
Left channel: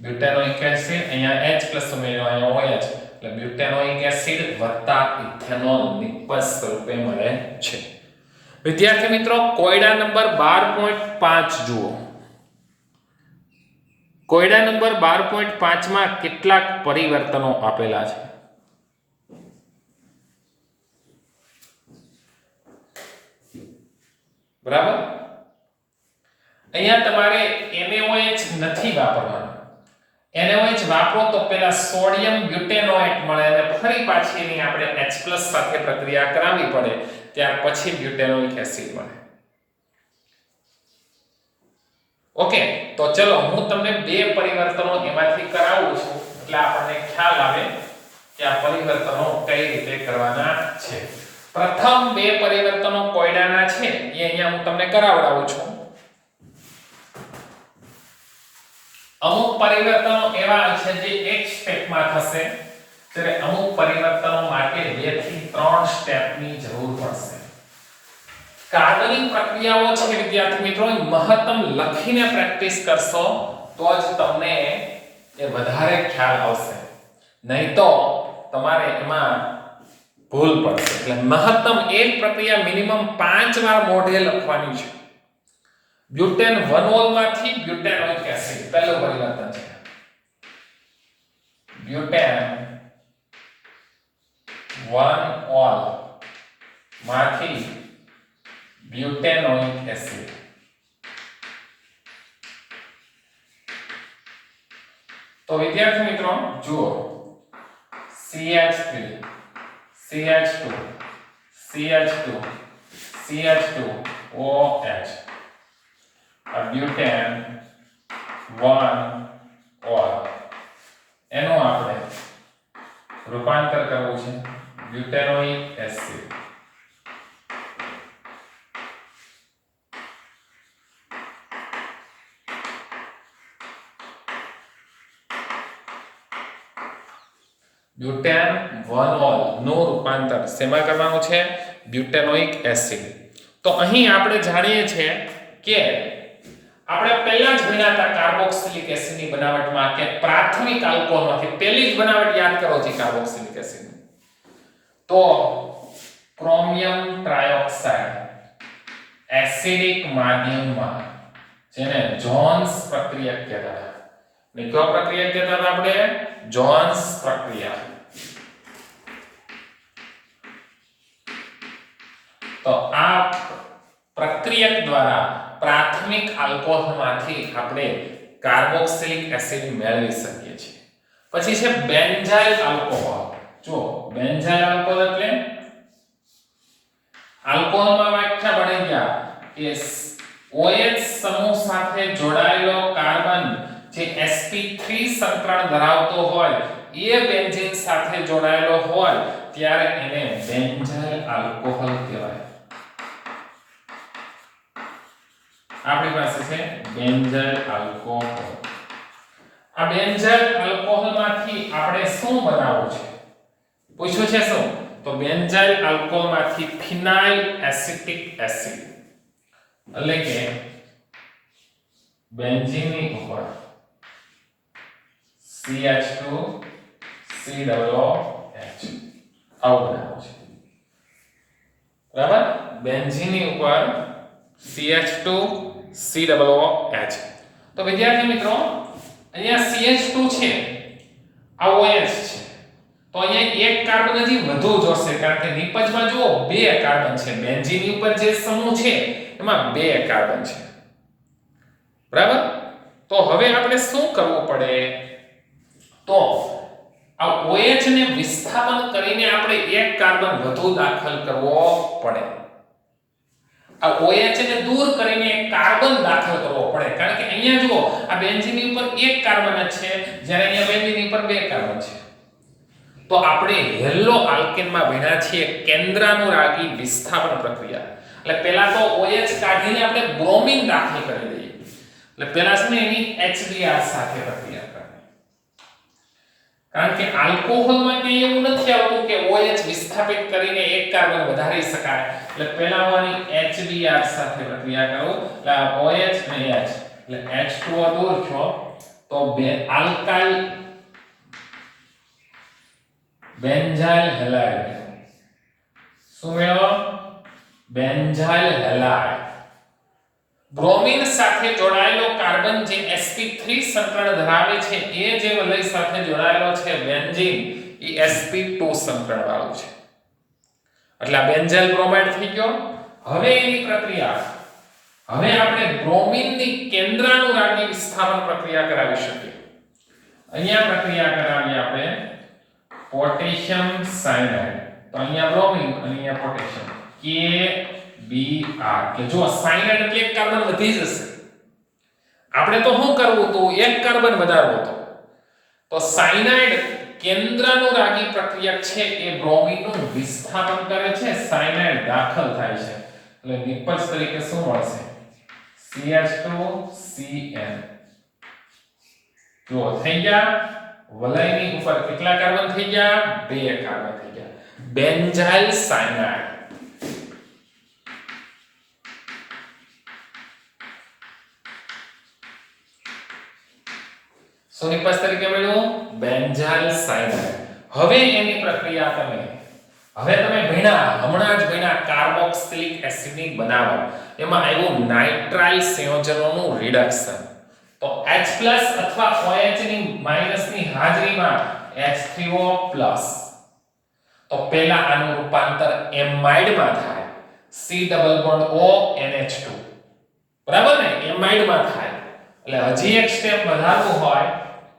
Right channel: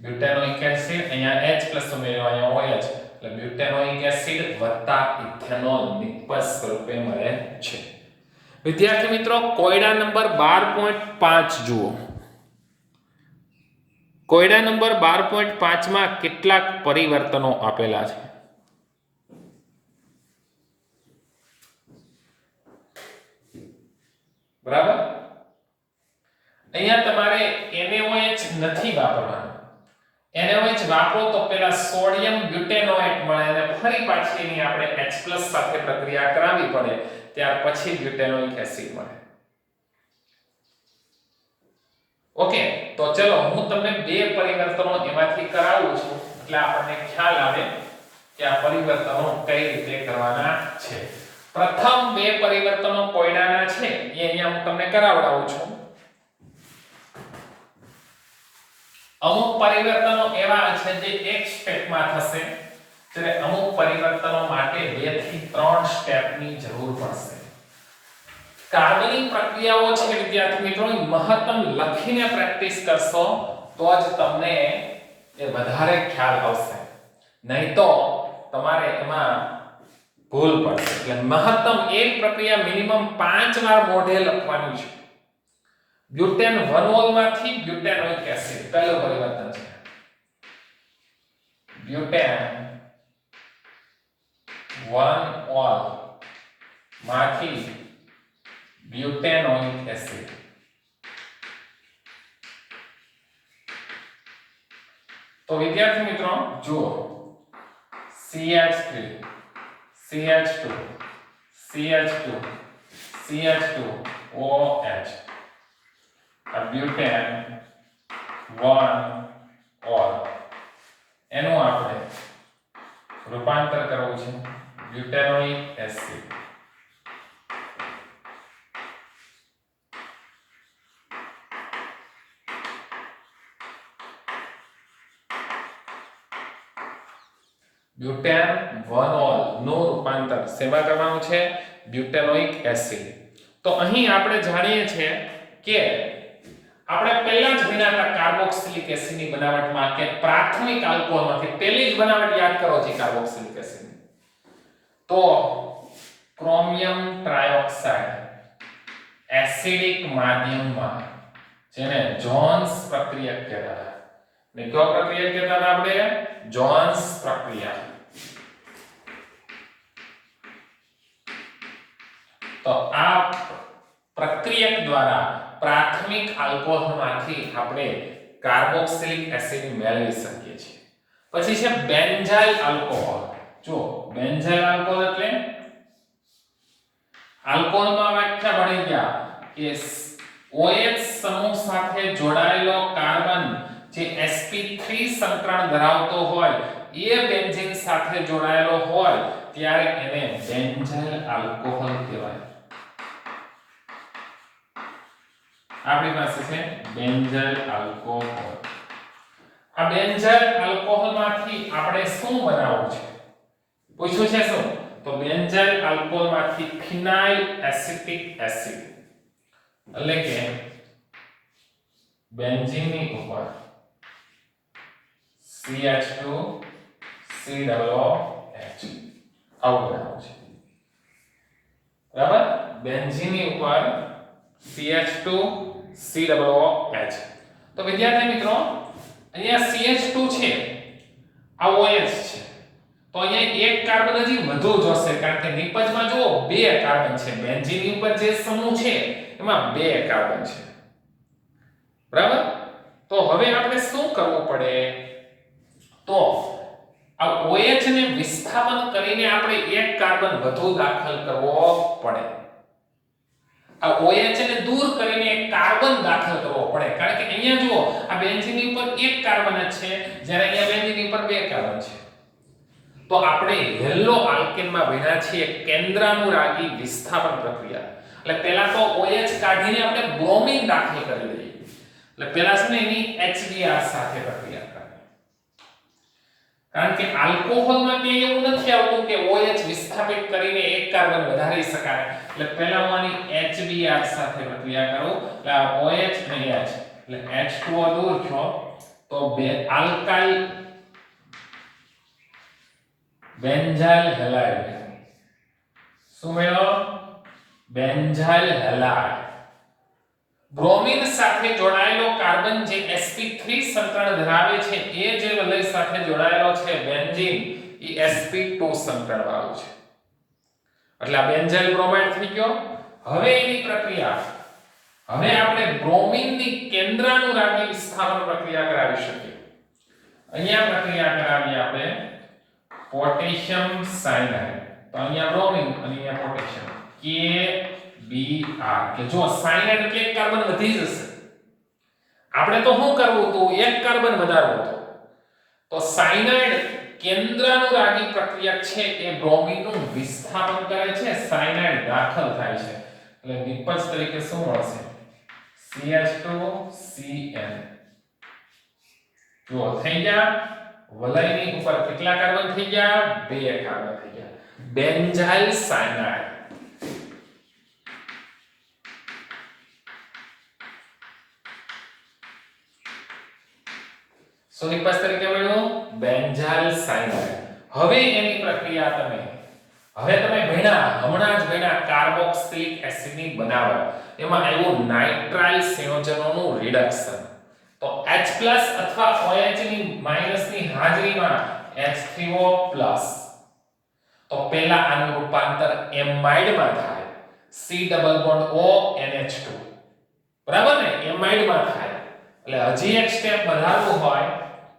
બ્યુટેનોઇક એસિડ અહીંયા H+ ઉમેર્યો, અહીંયા OH એટલે બ્યુટેનોઇક એસિડ વત્તા ઇથેનોલ નિપજ સ્વરૂપે મળે છે. વિદ્યાર્થી મિત્રો, કોયડા નંબર 12.5 જુઓ. કોયડા નંબર 12.5 માં કેટલાક પરિવર્તનો આપેલા છે. બરાબર? અહીંયા તમારે NaOH નથી વાપરવાનું. NaOH વાપરો તો પેલા સોડિયમ બ્યુટેનોએટ મળે અને ફરી પાછી એની આપણે H+ સાથે પ્રક્રિયા કરાવવી પડે, ત્યાર પછી બ્યુટેનોઇક એસિડ મળે. ઓકે, તો ચલો હું તમને બે પરિવર્તનો એમાંથી કરાવું છું એટલે આપણને ખ્યાલ આવે કે આ પરિવર્તનો કઈ રીતે કરવાના છે. પ્રથમ બે પરિવર્તનો કોયડાના છે એ અહીંયા હું તમને કરાવડાવું છું. અમુક પરિવર્તનો એવા છે જે એક સ્ટેપમાં થશે, ત્યારે અમુક પરિવર્તનો માટે 2 થી 3 સ્ટેપની જરૂર પડશે. કાર્બનિક પ્રક્રિયાઓ છે વિદ્યાર્થી મિત્રો, મહત્તમ લખીને પ્રેક્ટિસ કરશો તો જ તમને એ વધારે ખ્યાલ આવશે, નહીં તો તમારે એમાં ભૂલ પડશે. એટલે મહત્તમ એક પ્રક્રિયા મિનિમમ 5 વાર મોઢે લખવાની છે. બ્યુટેન 1 માંથી બ્યુટેનોઇક એસિડ પહેલું પરિવર્તન છે. બ્યુટેન 1 માંથી બ્યુટેનોઇક એસિડ. તો વિદ્યાર્થી મિત્રો જુઓ, CH3 CH2 CH2 CH2 OH આ બ્યુટેન 1 એનું આપણે રૂપાંતર કરવું છે બ્યુટેનોઇક એસિડ. બ્યુટેન 1 નું રૂપાંતર શેમાં કરવાનું છે? બ્યુટેનોઇક એસિડ. તો અહીં આપણે જાણીએ છીએ કે આપણે પહેલા જ ભણ્યા હતા કાર્બોક્સિલિક એસિડની બનાવટમાં કે પ્રાથમિક આલ્કોહોલમાંથી પહેલી જ બનાવટ યાદ કરો છે કાર્બોક્સિલિક એસિડની. તો ક્રોમિયમ ટ્રાયોક્સાઇડ એસિડિક માધ્યમમાં, જેને જોન્સ પ્રક્રિયા કહેતા હતા. ને કયો પ્રક્રિયા કહેતા હતા આપણે? જોન્સ પ્રક્રિયા. તો આ પ્રક્રિયક દ્વારા પ્રાથમિક આલ્કોહોલમાંથી આપણે કાર્બોક્સિલિક એસિડ મેળવી શકીએ છીએ. પછી છે બેન્ઝાઇલ આલ્કોહોલ. જો બેન્ઝાઇલ આલ્કોહોલ એટલે આલ્કોહોલમાં વ્યાખ્યા ભણી ગયા કે OH સમૂહ સાથે જોડાયેલો કાર્બન જે sp3 સંકરણ ધરાવતો હોય એ બેન્ઝીન સાથે જોડાયેલો હોય ત્યારે એને બેન્ઝાઇલ આલ્કોહોલ કહેવાય. આપણી પાસે છે બેન્ઝાઇલ આલ્કોહોલ. આ બેન્ઝાઇલ આલ્કોહોલમાંથી આપણે શું બનાવવું છે? પૂછ્યું છે શું? તો બેન્ઝાઇલ આલ્કોહોલમાંથી ફિનાઇલ એસિટિક એસિડ એટલે કે બેન્ઝીનની ઉપર CH2 COOH આવું બનાવવું છે. બરાબર? બેન્ઝીનની ઉપર CH2 COOH. તો વિદ્યાર્થી મિત્રો અહીંયા CH2 છે, આ OH છે, તો અહીંયા એક કાર્બન હજી વધુ જોશે કારણ કે નિપજમાં જુઓ 2 કાર્બન છે. બેન્ઝીનની ઉપર જે સમૂહ છે એમાં 2 કાર્બન છે. બરાબર? તો હવે આપણે શું કરવું પડે? તો આ OH ને વિસ્થાપન કરીને આપણે એક કાર્બન વધુ દાખલ કરવો પડે. આ OH ને દૂર કરીને એક કાર્બન દાખલ કરવો પડે કારણ કે અહીંયા જુઓ આ બેન્ઝીન ઉપર એક કાર્બન જ છે જ્યારે અહીંયા બેન્ઝીન ઉપર 2 કાર્બન છે. તો આપણે હેલો આલ્કેનમાં ભણ્યા છીએ કેન્દ્રાનુરાગી વિસ્થાપન પ્રક્રિયા. એટલે પહેલા તો OH કાઢીને આપણે બ્રોમિન દાખલ કરી દઈએ. એટલે પહેલા છે ને એની HBr સાથે પ્રક્રિયા કરવી. કારણ કે આલ્કોહોલમાં કે એવું નથી આવતું કે OH વિસ્થાપિત કરીને એક કાર્બન વધારી શકાય. એટલે પહેલા હું આની HBr સાથે પ્રક્રિયા કરું એટલે આ OH અને H એટલે H2O દૂર થયો તો બે આલ્કાઇલ બેન્ઝાઇલ હેલાઇડ. શું મળ્યો? Benzyl halide. બ્રોમિન સાથે જોડાયેલો કાર્બન જે sp3 સંકરણ ધરાવે છે એ જે વલય સાથે જોડાયેલો છે બેન્ઝીન એ sp2 સંકરણ વાળું છે. એટલે આ બેન્ઝાઇલ બ્રોમાઇડ થઈ ગયો. હવે એની પ્રક્રિયા હવે આપણે બ્રોમિનની કેન્દ્રાનુરાગી વિસ્થાપન પ્રક્રિયા કરાવી શકીએ. અહીંયા પ્રક્રિયા કરાવી આપણે પોટેશિયમ સાયનાઇડ. તો અહીંયા બ્રોમિન અને અહીંયા પોટેશિયમ KBr. કે જો સાયનાઇડ એટલે એક કાર્બન વધી જશે. આપણે તો શું કરવું હતું, એક કાર્બન વધારવો હતો. તો સાયનાઇડ કેન્દ્રાનુરાગી પ્રક્રિયા છે એ બ્રોમિનનું વિસ્થાપન કરે છે, સાયનાઇડ દાખલ થાય છે, એટલે નિપજ તરીકે શું મળશે? CH2Cl. જો થઈ ગયા વલયની ઉપર કેટલા કાર્બન થઈ ગયા? 2 કાર્બન થઈ ગયા. Benzyl cyanide. શું નિપજ તરીકે મળ્યું? Benzyl cyanide. હવે એની પ્રક્રિયા તમે ભણ્યા, હમણાં જ ભણ્યા કાર્બોક્સિલિક એસિડની બનાવટ. એમાં આવ્યું નાઇટ્રાઇલ સંયોજનોનું રિડક્શન. તો H+ અથવા OH ની માઈનસની હાજરીમાં H3O+. તો પહેલા આનું રૂપાંતર એમાઇડમાં થાય, C double bond O NH2. બરાબર ને? એમાઇડમાં થાય. એટલે હજી એક સ્ટેપ વધારવું હોય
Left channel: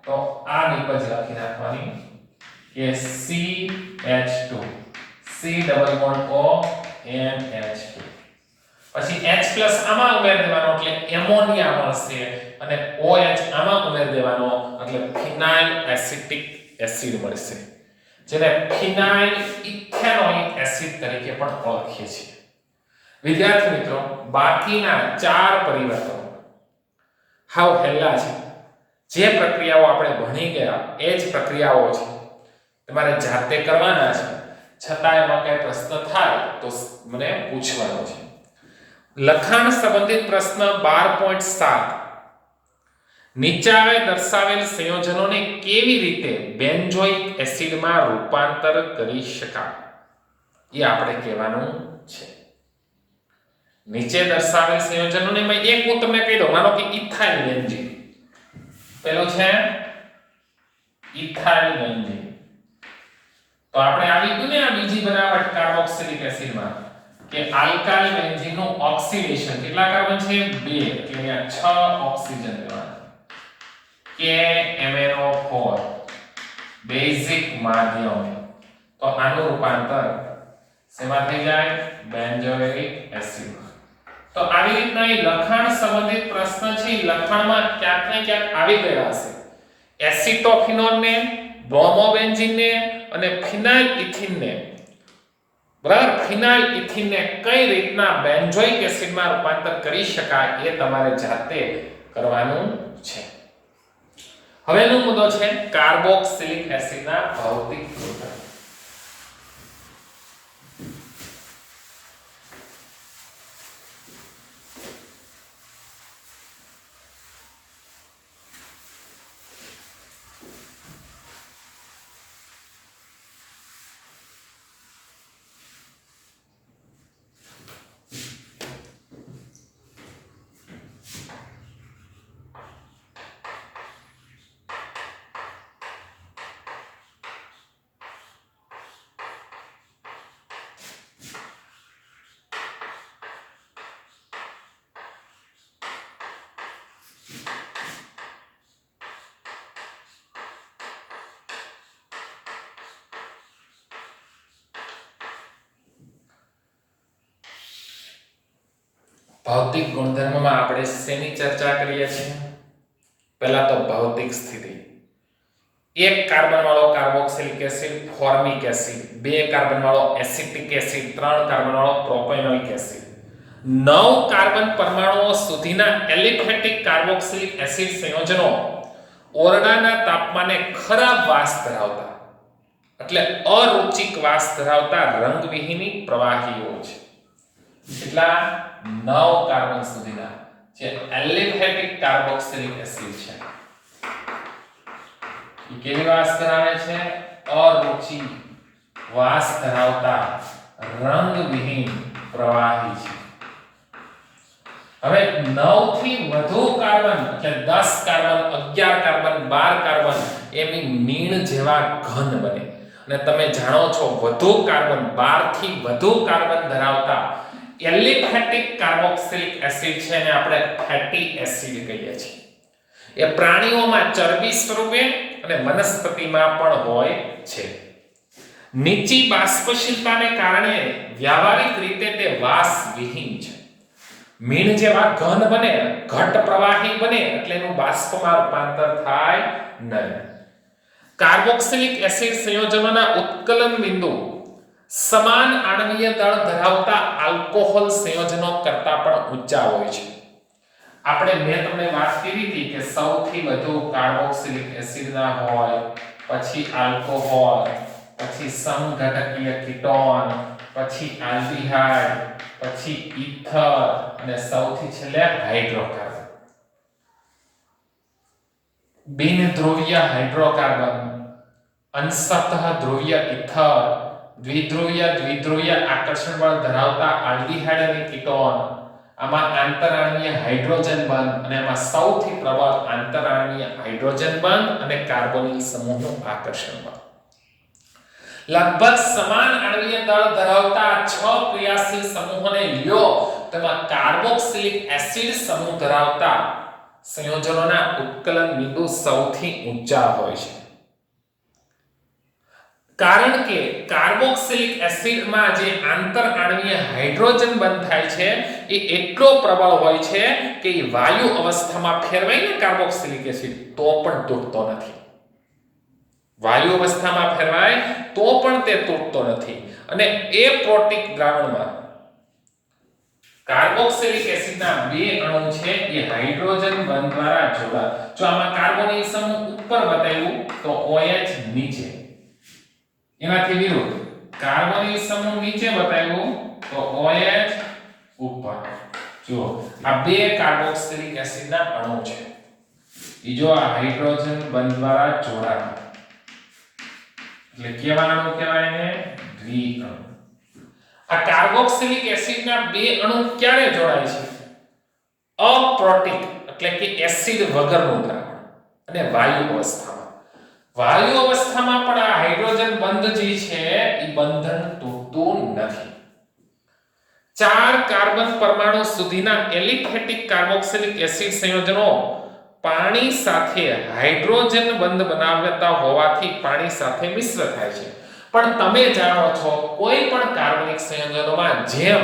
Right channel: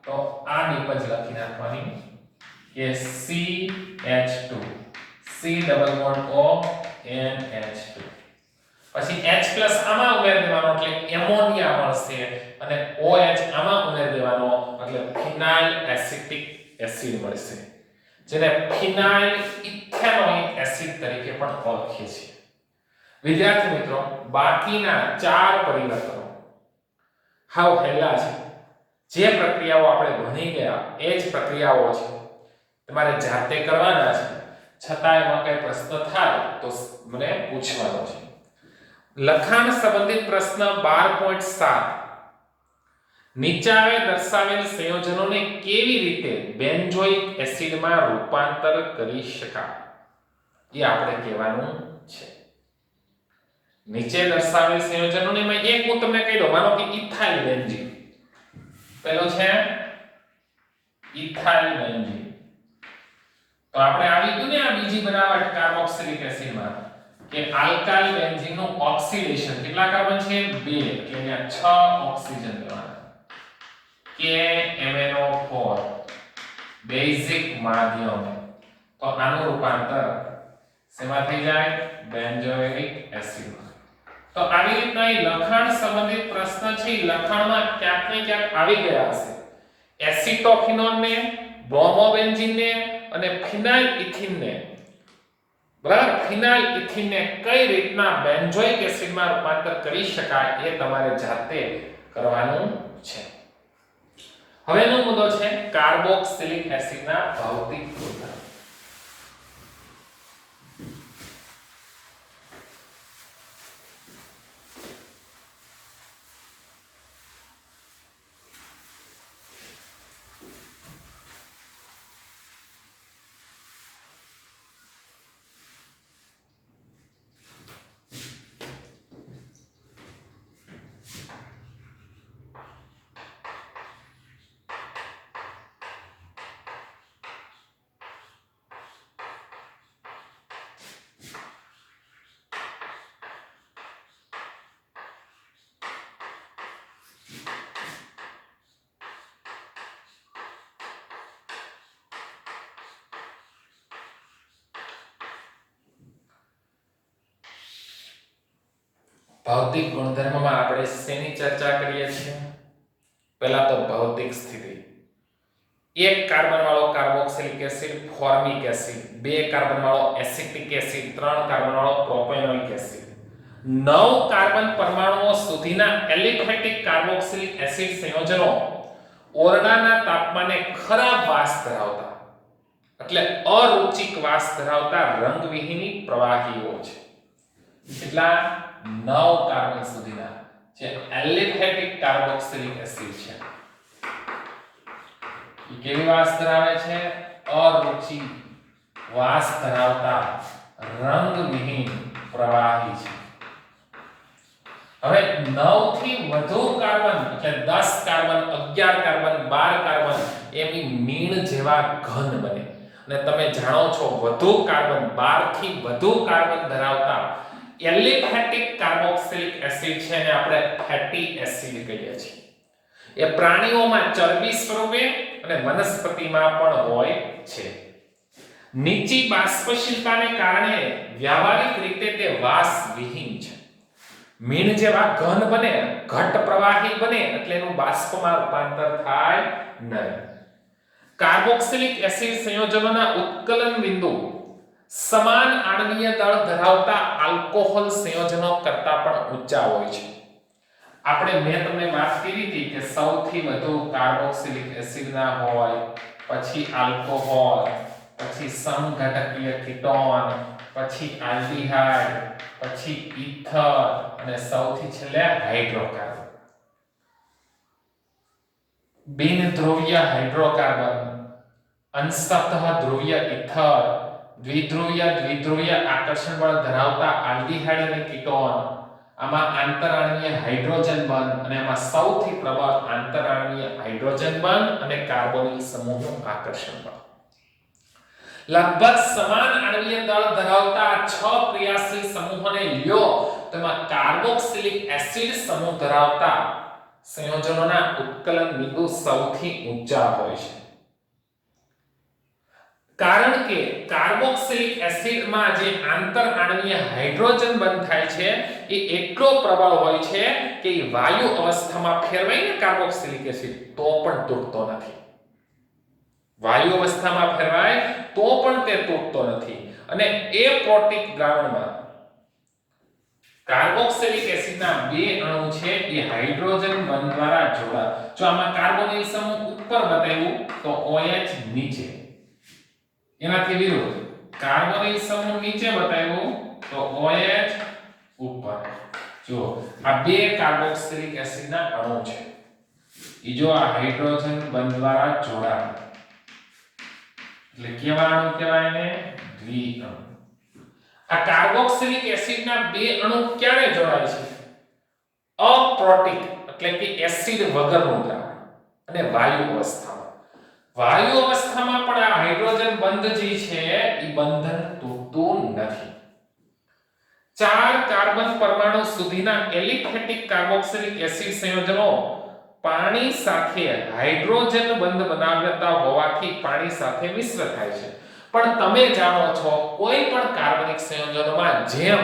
તો આ નિપજ લખી નાખવાની કે CH2, C double bond O NH2. પછી H+ આમાં ઉમેર દેવાનો એટલે એમોનિયા મળશે, અને OH આમાં ઉમેર દેવાનો એટલે ફિનાઇલ એસિટિક એસિડ મળશે, જેને ફિનાઇલ ઇથેનોઇક એસિડ તરીકે પણ ઓળખીએ છીએ. વિદ્યાર્થી મિત્રો, બાકીના 4 પરિવર્તનો હાવ હેલા છે. જે પ્રક્રિયાઓ આપણે ભણી ગયા એ જ પ્રક્રિયાઓ છે, તમારે જાતે કરવાના છે. છતાં એમાં કઈ પ્રશ્ન થાય તો મને પૂછવાનો છે. લખાણ સંબંધિત પ્રશ્ન 12.7. નીચે દર્શાવેલ સંયોજનોને કેવી રીતે બેન્ઝોઇક એસિડમાં રૂપાંતર કરી શકાય એ આપણે કહેવાનું છે. નીચે દર્શાવેલ સંયોજનોને એક હું તમને કહી દઉં. માનો કે ઇથાઇલ બેન્ઝીન પેલો છે ઇથાઇલ બેન્ઝીન. તો આપણે આવી ગયું ને આ બીજી બનાવટ કાર્બોક્સિલિક એસિડમાં કે આલ્કાઇલ બેન્ઝીનનું ઓક્સિડેશન. કેટલા કાર્બન છે? 2. એટલે અહીંયા 6 ઓક્સિજન લેવાના. KMnO4 બેઝિક માધ્યમ. તો આનું રૂપાંતર શેમાં થઈ જાય? બેન્ઝોઇક એસિડમાં. તો આવી રીતના એ લખાણ સંબંધિત પ્રશ્ન છે, લખાણમાં ક્યાંક ને ક્યાંક આવી ગયા હશે. એસિટોફિનોનને, બ્રોમોબેન્ઝીનને અને ફિનાઇલ ઇથિનને, બરાબર, ફિનાઇલ ઇથિનને કઈ રીતના બેન્ઝોઇક એસિડમાં રૂપાંતર કરી શકાય એ તમારે જાતે કરવાનું છે. હવેનો મુદ્દો છે કાર્બોક્સિલિક એસિડના ભૌતિક ગુણધર્મો. ભૌતિક ગુણધર્મમાં આપણે શેની ચર્ચા કરીએ છીએ? પહેલા તો ભૌતિક સ્થિતિ. 1 કાર્બન વાળો carboxylic acid formic acid, 2 carbon વાળો એસિટિક એસિડ, 3 કાર્બન વાળો પ્રોપેનોઇક એસિડ, 9 કાર્બન પરમાણુઓ સુધીના એલિફેટિક કાર્બોક્સિલિક એસિડ સંયોજનો ઓરડાના તાપમાને ખરાબ વાસ ધરાવતા, એટલે અરુચિક વાસ ધરાવતા રંગવિહીની પ્રવાહીઓ છે. એટલા 9 કાર્બન સુધીના જે એલિફેટિક કાર્બોક્સિલિક એસિડ છે. એ કેવી વાસ ધરાવે છે? અરુચિ વાસ ધરાવતા રંગવિહીન પ્રવાહી છે. હવે 9 થી વધુ કાર્બન એટલે 10 કાર્બન, 11 કાર્બન, 12 કાર્બન એમની મીણ જેવા ઘન બને. અને તમે જાણો છો વધુ કાર્બન, 12 થી વધુ કાર્બન ધરાવતા એલિફેટિક કાર્બોક્સિલિક એસિડ છે ને આપણે ફેટી એસિડ કહીએ છીએ. એ પ્રાણીઓમાં ચરબી સ્વરૂપે અને વનસ્પતિમાં પણ હોય છે. નીચી બાષ્પશીલતાને કારણે વ્યાવહારિક રીતે તે વાસ વિહીન છે. મીણ જેવા ઘન બને, ઘટ પ્રવાહી બને એટલે એનું બાષ્પમાં રૂપાંતર થાય નહીં. કાર્બોક્સિલિક એસિડ સંયોજનોના ઉત્કલન બિંદુ સમાન આણ્વીય દળ ધરાવતા આલ્કોહોલ સંયોજનો કરતાં પણ ઊંચા હોય છે. મેં તમને વાત કરી હતી કે સૌથી વધુ કાર્બોક્સિલિક એસિડના હોય, પછી આલ્કોહોલ, પછી સમઘટકીય કીટોન, પછી આલ્ડીહાઇડ, પછી ઈથર અને સૌથી છેલ્લે હાઇડ્રોકાર્બન. બિનધ્રુવીય હાઇડ્રોકાર્બન, અંશતઃ ધ્રુવીય ઈથર, દ્વિધ્રુવીય આકર્ષણ બળ ધરાવતા આલ્ડીહાઇડ અને કીટોન, આમાં આંતરાણ્વીય હાઇડ્રોજન બંધ અને આમાં સૌથી પ્રબળ આંતરાણ્વીય હાઇડ્રોજન બંધ અને કાર્બોનિલ સમૂહનું આકર્ષણ બળ. લગભગ સમાન આણ્વીય દળ ધરાવતા 6 ક્રિયાશીલ સમૂહોને લ્યો તો એમાં કાર્બોક્સિલિક એસિડ સમૂહ ધરાવતા સંયોજનોના ઉત્કલન બિંદુ સૌથી ઊંચા હોય છે. કારણ કે કાર્બોક્સિલિક એસિડમાં જે આંતરાણ્વીય હાઇડ્રોજન બંધ થાય છે એ એટલો પ્રબળ હોય છે કે એ વાયુ અવસ્થામાં ફેરવાઈને કાર્બોક્સિલિક એસિડ તો પણ તૂટતો નથી. વાયુ અવસ્થામાં ફેરવાય તો પણ તે તૂટતો નથી. અને એપ્રોટિક દ્રાવણમાં કાર્બોક્સિલિક એસિડના બે અણુ છે એ હાઇડ્રોજન બંધ દ્વારા જોડાય. જો આમાં કાર્બોનિલ સમૂહ ઉપર બતાવ્યું તો OH નીચે, એનાથી વિરુદ્ધ કાર્બોનિલ સમૂહ નીચે બતાવ્યું તો OH ઉપર. જો આ બે કાર્બોક્સિલિક એસિડના અણુ છે, ઈ જો આ હાઇડ્રોજન બંધ દ્વારા જોડાય એટલે કેવા અણુ કહેવાય ને? દ્વિઅણુ. આ કાર્બોક્સિલિક એસિડના બે અણુ ક્યારે જોડાય છે? અપ્રોટિક એટલે કે એસિડ વગરનું દ્રાવણ અને વાયુ અવસ્થામાં. વાયુ અવસ્થામાં પણ આ હાઇડ્રોજન બંધ જે છે એ બંધન તૂટતું નથી. 4 કાર્બન પરમાણુ સુધીના એલિફેટિક કાર્બોક્સિલિક એસિડ સંયોજનો પાણી સાથે હાઇડ્રોજન બંધ બનાવતા હોવાથી પાણી સાથે મિશ્ર થાય છે. પણ તમે જાણો છો કોઈ પણ કાર્બનિક સંયોજનોમાં જેમ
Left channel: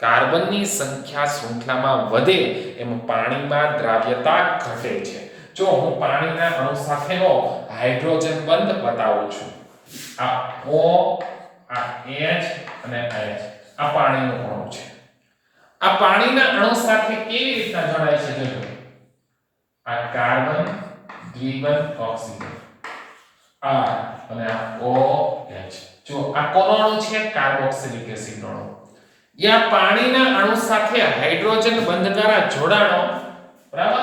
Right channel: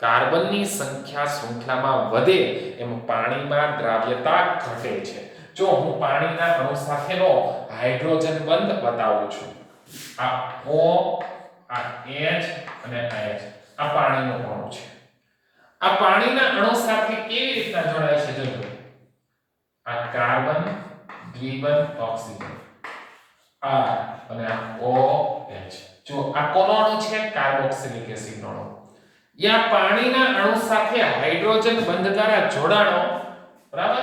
કાર્બનની સંખ્યા શૃંખલામાં વધે એમ પાણીમાં દ્રાવ્યતા ઘટે છે. જો હું પાણીના અણુ સાથેનો હાઇડ્રોજન બંધ બતાવું છું, આ O, આ H અને આ H, આ પાણીનો અણુ છે. આ પાણીના અણુ સાથે કેવી રીતના જોડાય છે જોજો. આ કાર્બન દ્વિબંધ ઓક્સિજન R અને આ OH. જો આ કોનો અણુ છે? કાર્બોક્સિલિક એસિડનો અણુ. યા પાણીના અણુ સાથે હાઇડ્રોજન બંધ દ્વારા જોડાણો, બરાબર?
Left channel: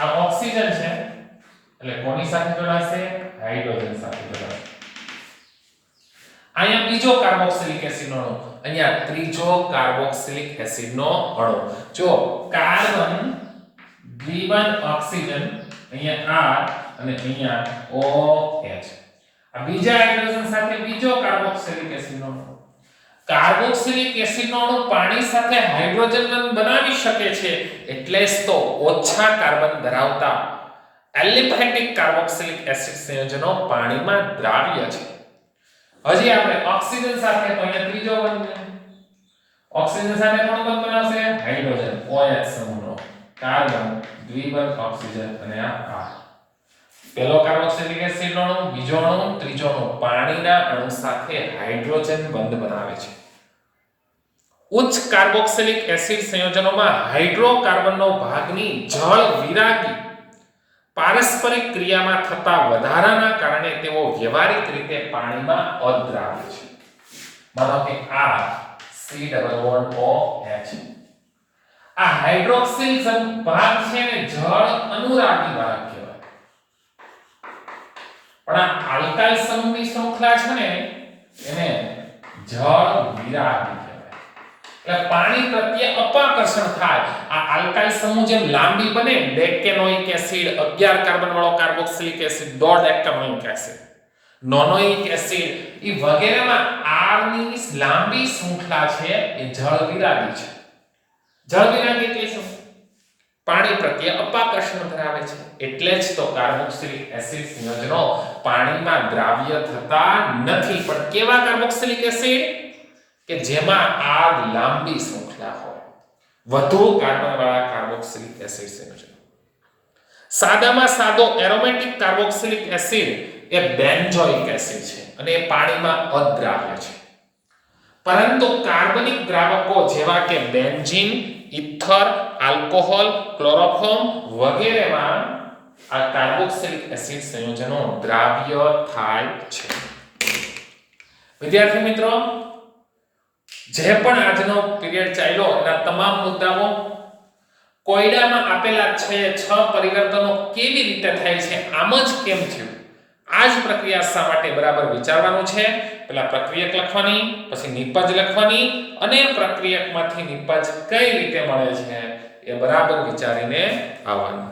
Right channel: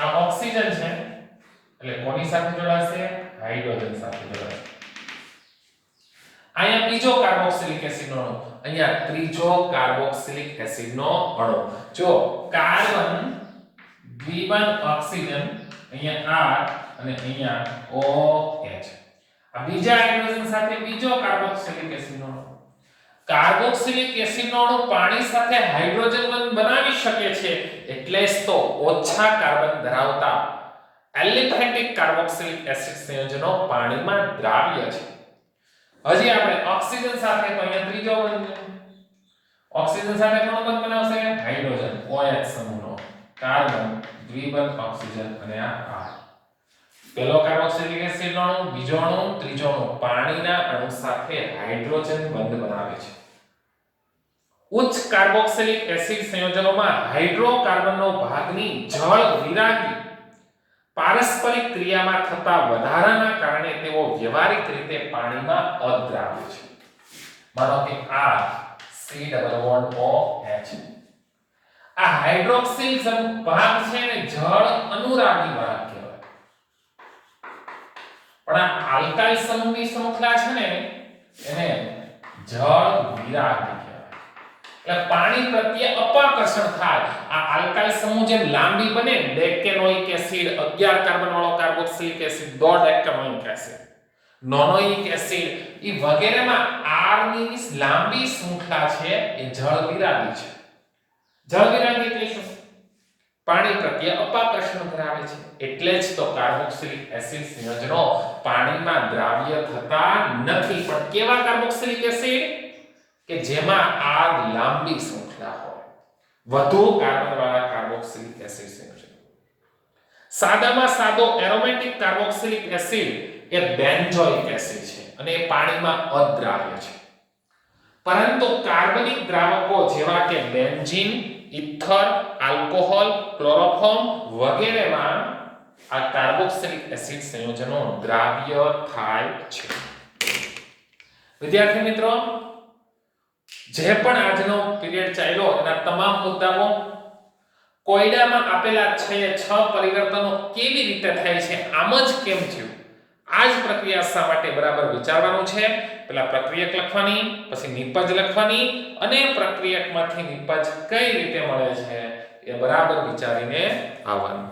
આ ઓક્સિજન છે એટલે કોની સાથે જોડાશે? હાઇડ્રોજન સાથે જોડાશે. અહીંયા બીજો કાર્બોક્સિલિક એસિડનો અણુ, અહીંયા ત્રીજો કાર્બોક્સિલિક એસિડનો અણુ. જો કાર્બન દ્વિબંધ ઓક્સિજન, અહીંયા R અને અહીંયા OH. આ બીજા હાઇડ્રોજન સાથે બીજો કાર્બોક્સિલિક એસિડનો અણુ. કાર્બોક્સિલિક એસિડનો અણુ પાણી સાથે હાઇડ્રોજન બંધ બનાવી શકે છે એટલે જ તો ઓછા કાર્બન ધરાવતા એલિફેટિક કાર્બોક્સિલિક એસિડ સંયોજનો પાણીમાં દ્રાવ્ય છે. હજી આપણે ઓક્સિજન સાથે તો અહીંયા ત્રીજો બંધ. ઓક્સિજન સાથે કોણ બંધ બનાવશે? હાઇડ્રોજન OH સમૂહનો. કાર્બન દ્વિબંધ ઓક્સિજન અને આ R. પહેલો કાર્બોક્સિલિક એસિડનો અણુ, બીજો અણુ, ત્રીજો અણુ પાણીના અણુ સાથે હાઇડ્રોજન બંધ બનાવે છે. ઉચ્ચ કાર્બોક્સિલિક એસિડ સંયોજનોમાં હાઇડ્રોકાર્બનનો ભાગની જળ વિરાગી પારસ્પરિક ક્રિયામાં થતા વધારાના કારણે તેઓ વ્યવહારિક રીતે પાણીમાં અદ્રાવ્ય છે. માનો કે આ COOH. આ હાઇડ્રોક્સિલ ભાગ છે ને જળ અનુરાગી ભાગ કહેવાય. પણ આ આલ્કાઇલ સમૂહની શૃંખલા છે ને એને જળ વિરાગી કહેવાય. એટલે પાણી પ્રત્યે અપાકર્ષણ થાય. આ આલ્કાઇલ સમૂહ જેમ લાંબી બને, ડેકેનોઇક એસિડ 11 કાર્બન વાળો કાર્બોક્સિલિક એસિડ, ડોડેકેનોઇક એસિડ, નોનોઇક એસિડ એ વગેરેમાં R ની લાંબી શૃંખલા છે એ જળ વિરાગી છે. જળ વિરાગી એટલે શું? પાણી પ્રત્યે અપાકર્ષણ ધરાવે છે. એટલે જ તો કાર્બોક્સિલિક એસિડ સંયોજનો પાણીમાં દ્રાવ્ય થતા નથી. પણ કેવા કાર્બોક્સિલિક એસિડ? કે જેમાં R લાંબી શૃંખલા હોય. વધુ કાર્બનવાળા કાર્બોક્સિલિક એસિડ સંયોજનો. સાદામાં સાદો એરોમેટિક કાર્બોક્સિલિક એસિડ એ બેન્ઝોઇક એસિડ છે અને એ પાણીમાં અદ્રાવ્ય છે. પરંતુ કાર્બનિક દ્રાવકો જેવા કે બેન્ઝીન, ઇથર, આલ્કોહોલ, ક્લોરોફોર્મ વગેરેમાં આ કાર્બોક્સિલિક એસિડ સંયોજનો દ્રાવ્ય થાય છે. વિદ્યાર્થી મિત્રો, જે પણ આજનો પીરિયડ ચાલ્યો એના તમામ મુદ્દાઓ કોયડામાં આપેલા છે 6 પરિવર્તનો કેવી રીતે થાય છે, આમ જ કેમ થયું, આ જ પ્રક્રિયા શા માટે બરાબર વિચારવાનું છે. પહેલા પ્રક્રિયક લખવાની, પછી નિપજ લખવાની અને પ્રક્રિયકમાંથી નિપજ કઈ રીતે મળે છે એ બરાબર વિચારીને આવવાનું.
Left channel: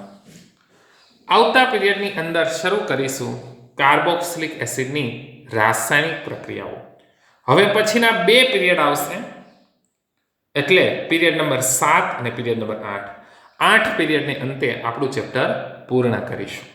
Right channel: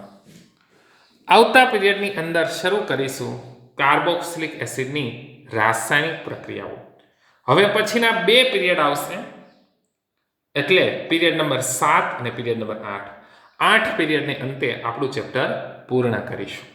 આવતા પીરિયડની અંદર શરૂ કરીશું કાર્બોક્સિલિક એસિડની રાસાયણિક પ્રક્રિયાઓ. હવે પછીના 2 પીરિયડ આવશે, એટલે પીરિયડ નંબર 7 અને પીરિયડ નંબર 8. 8 પીરિયડને અંતે આપણું ચેપ્ટર પૂર્ણ કરીશું.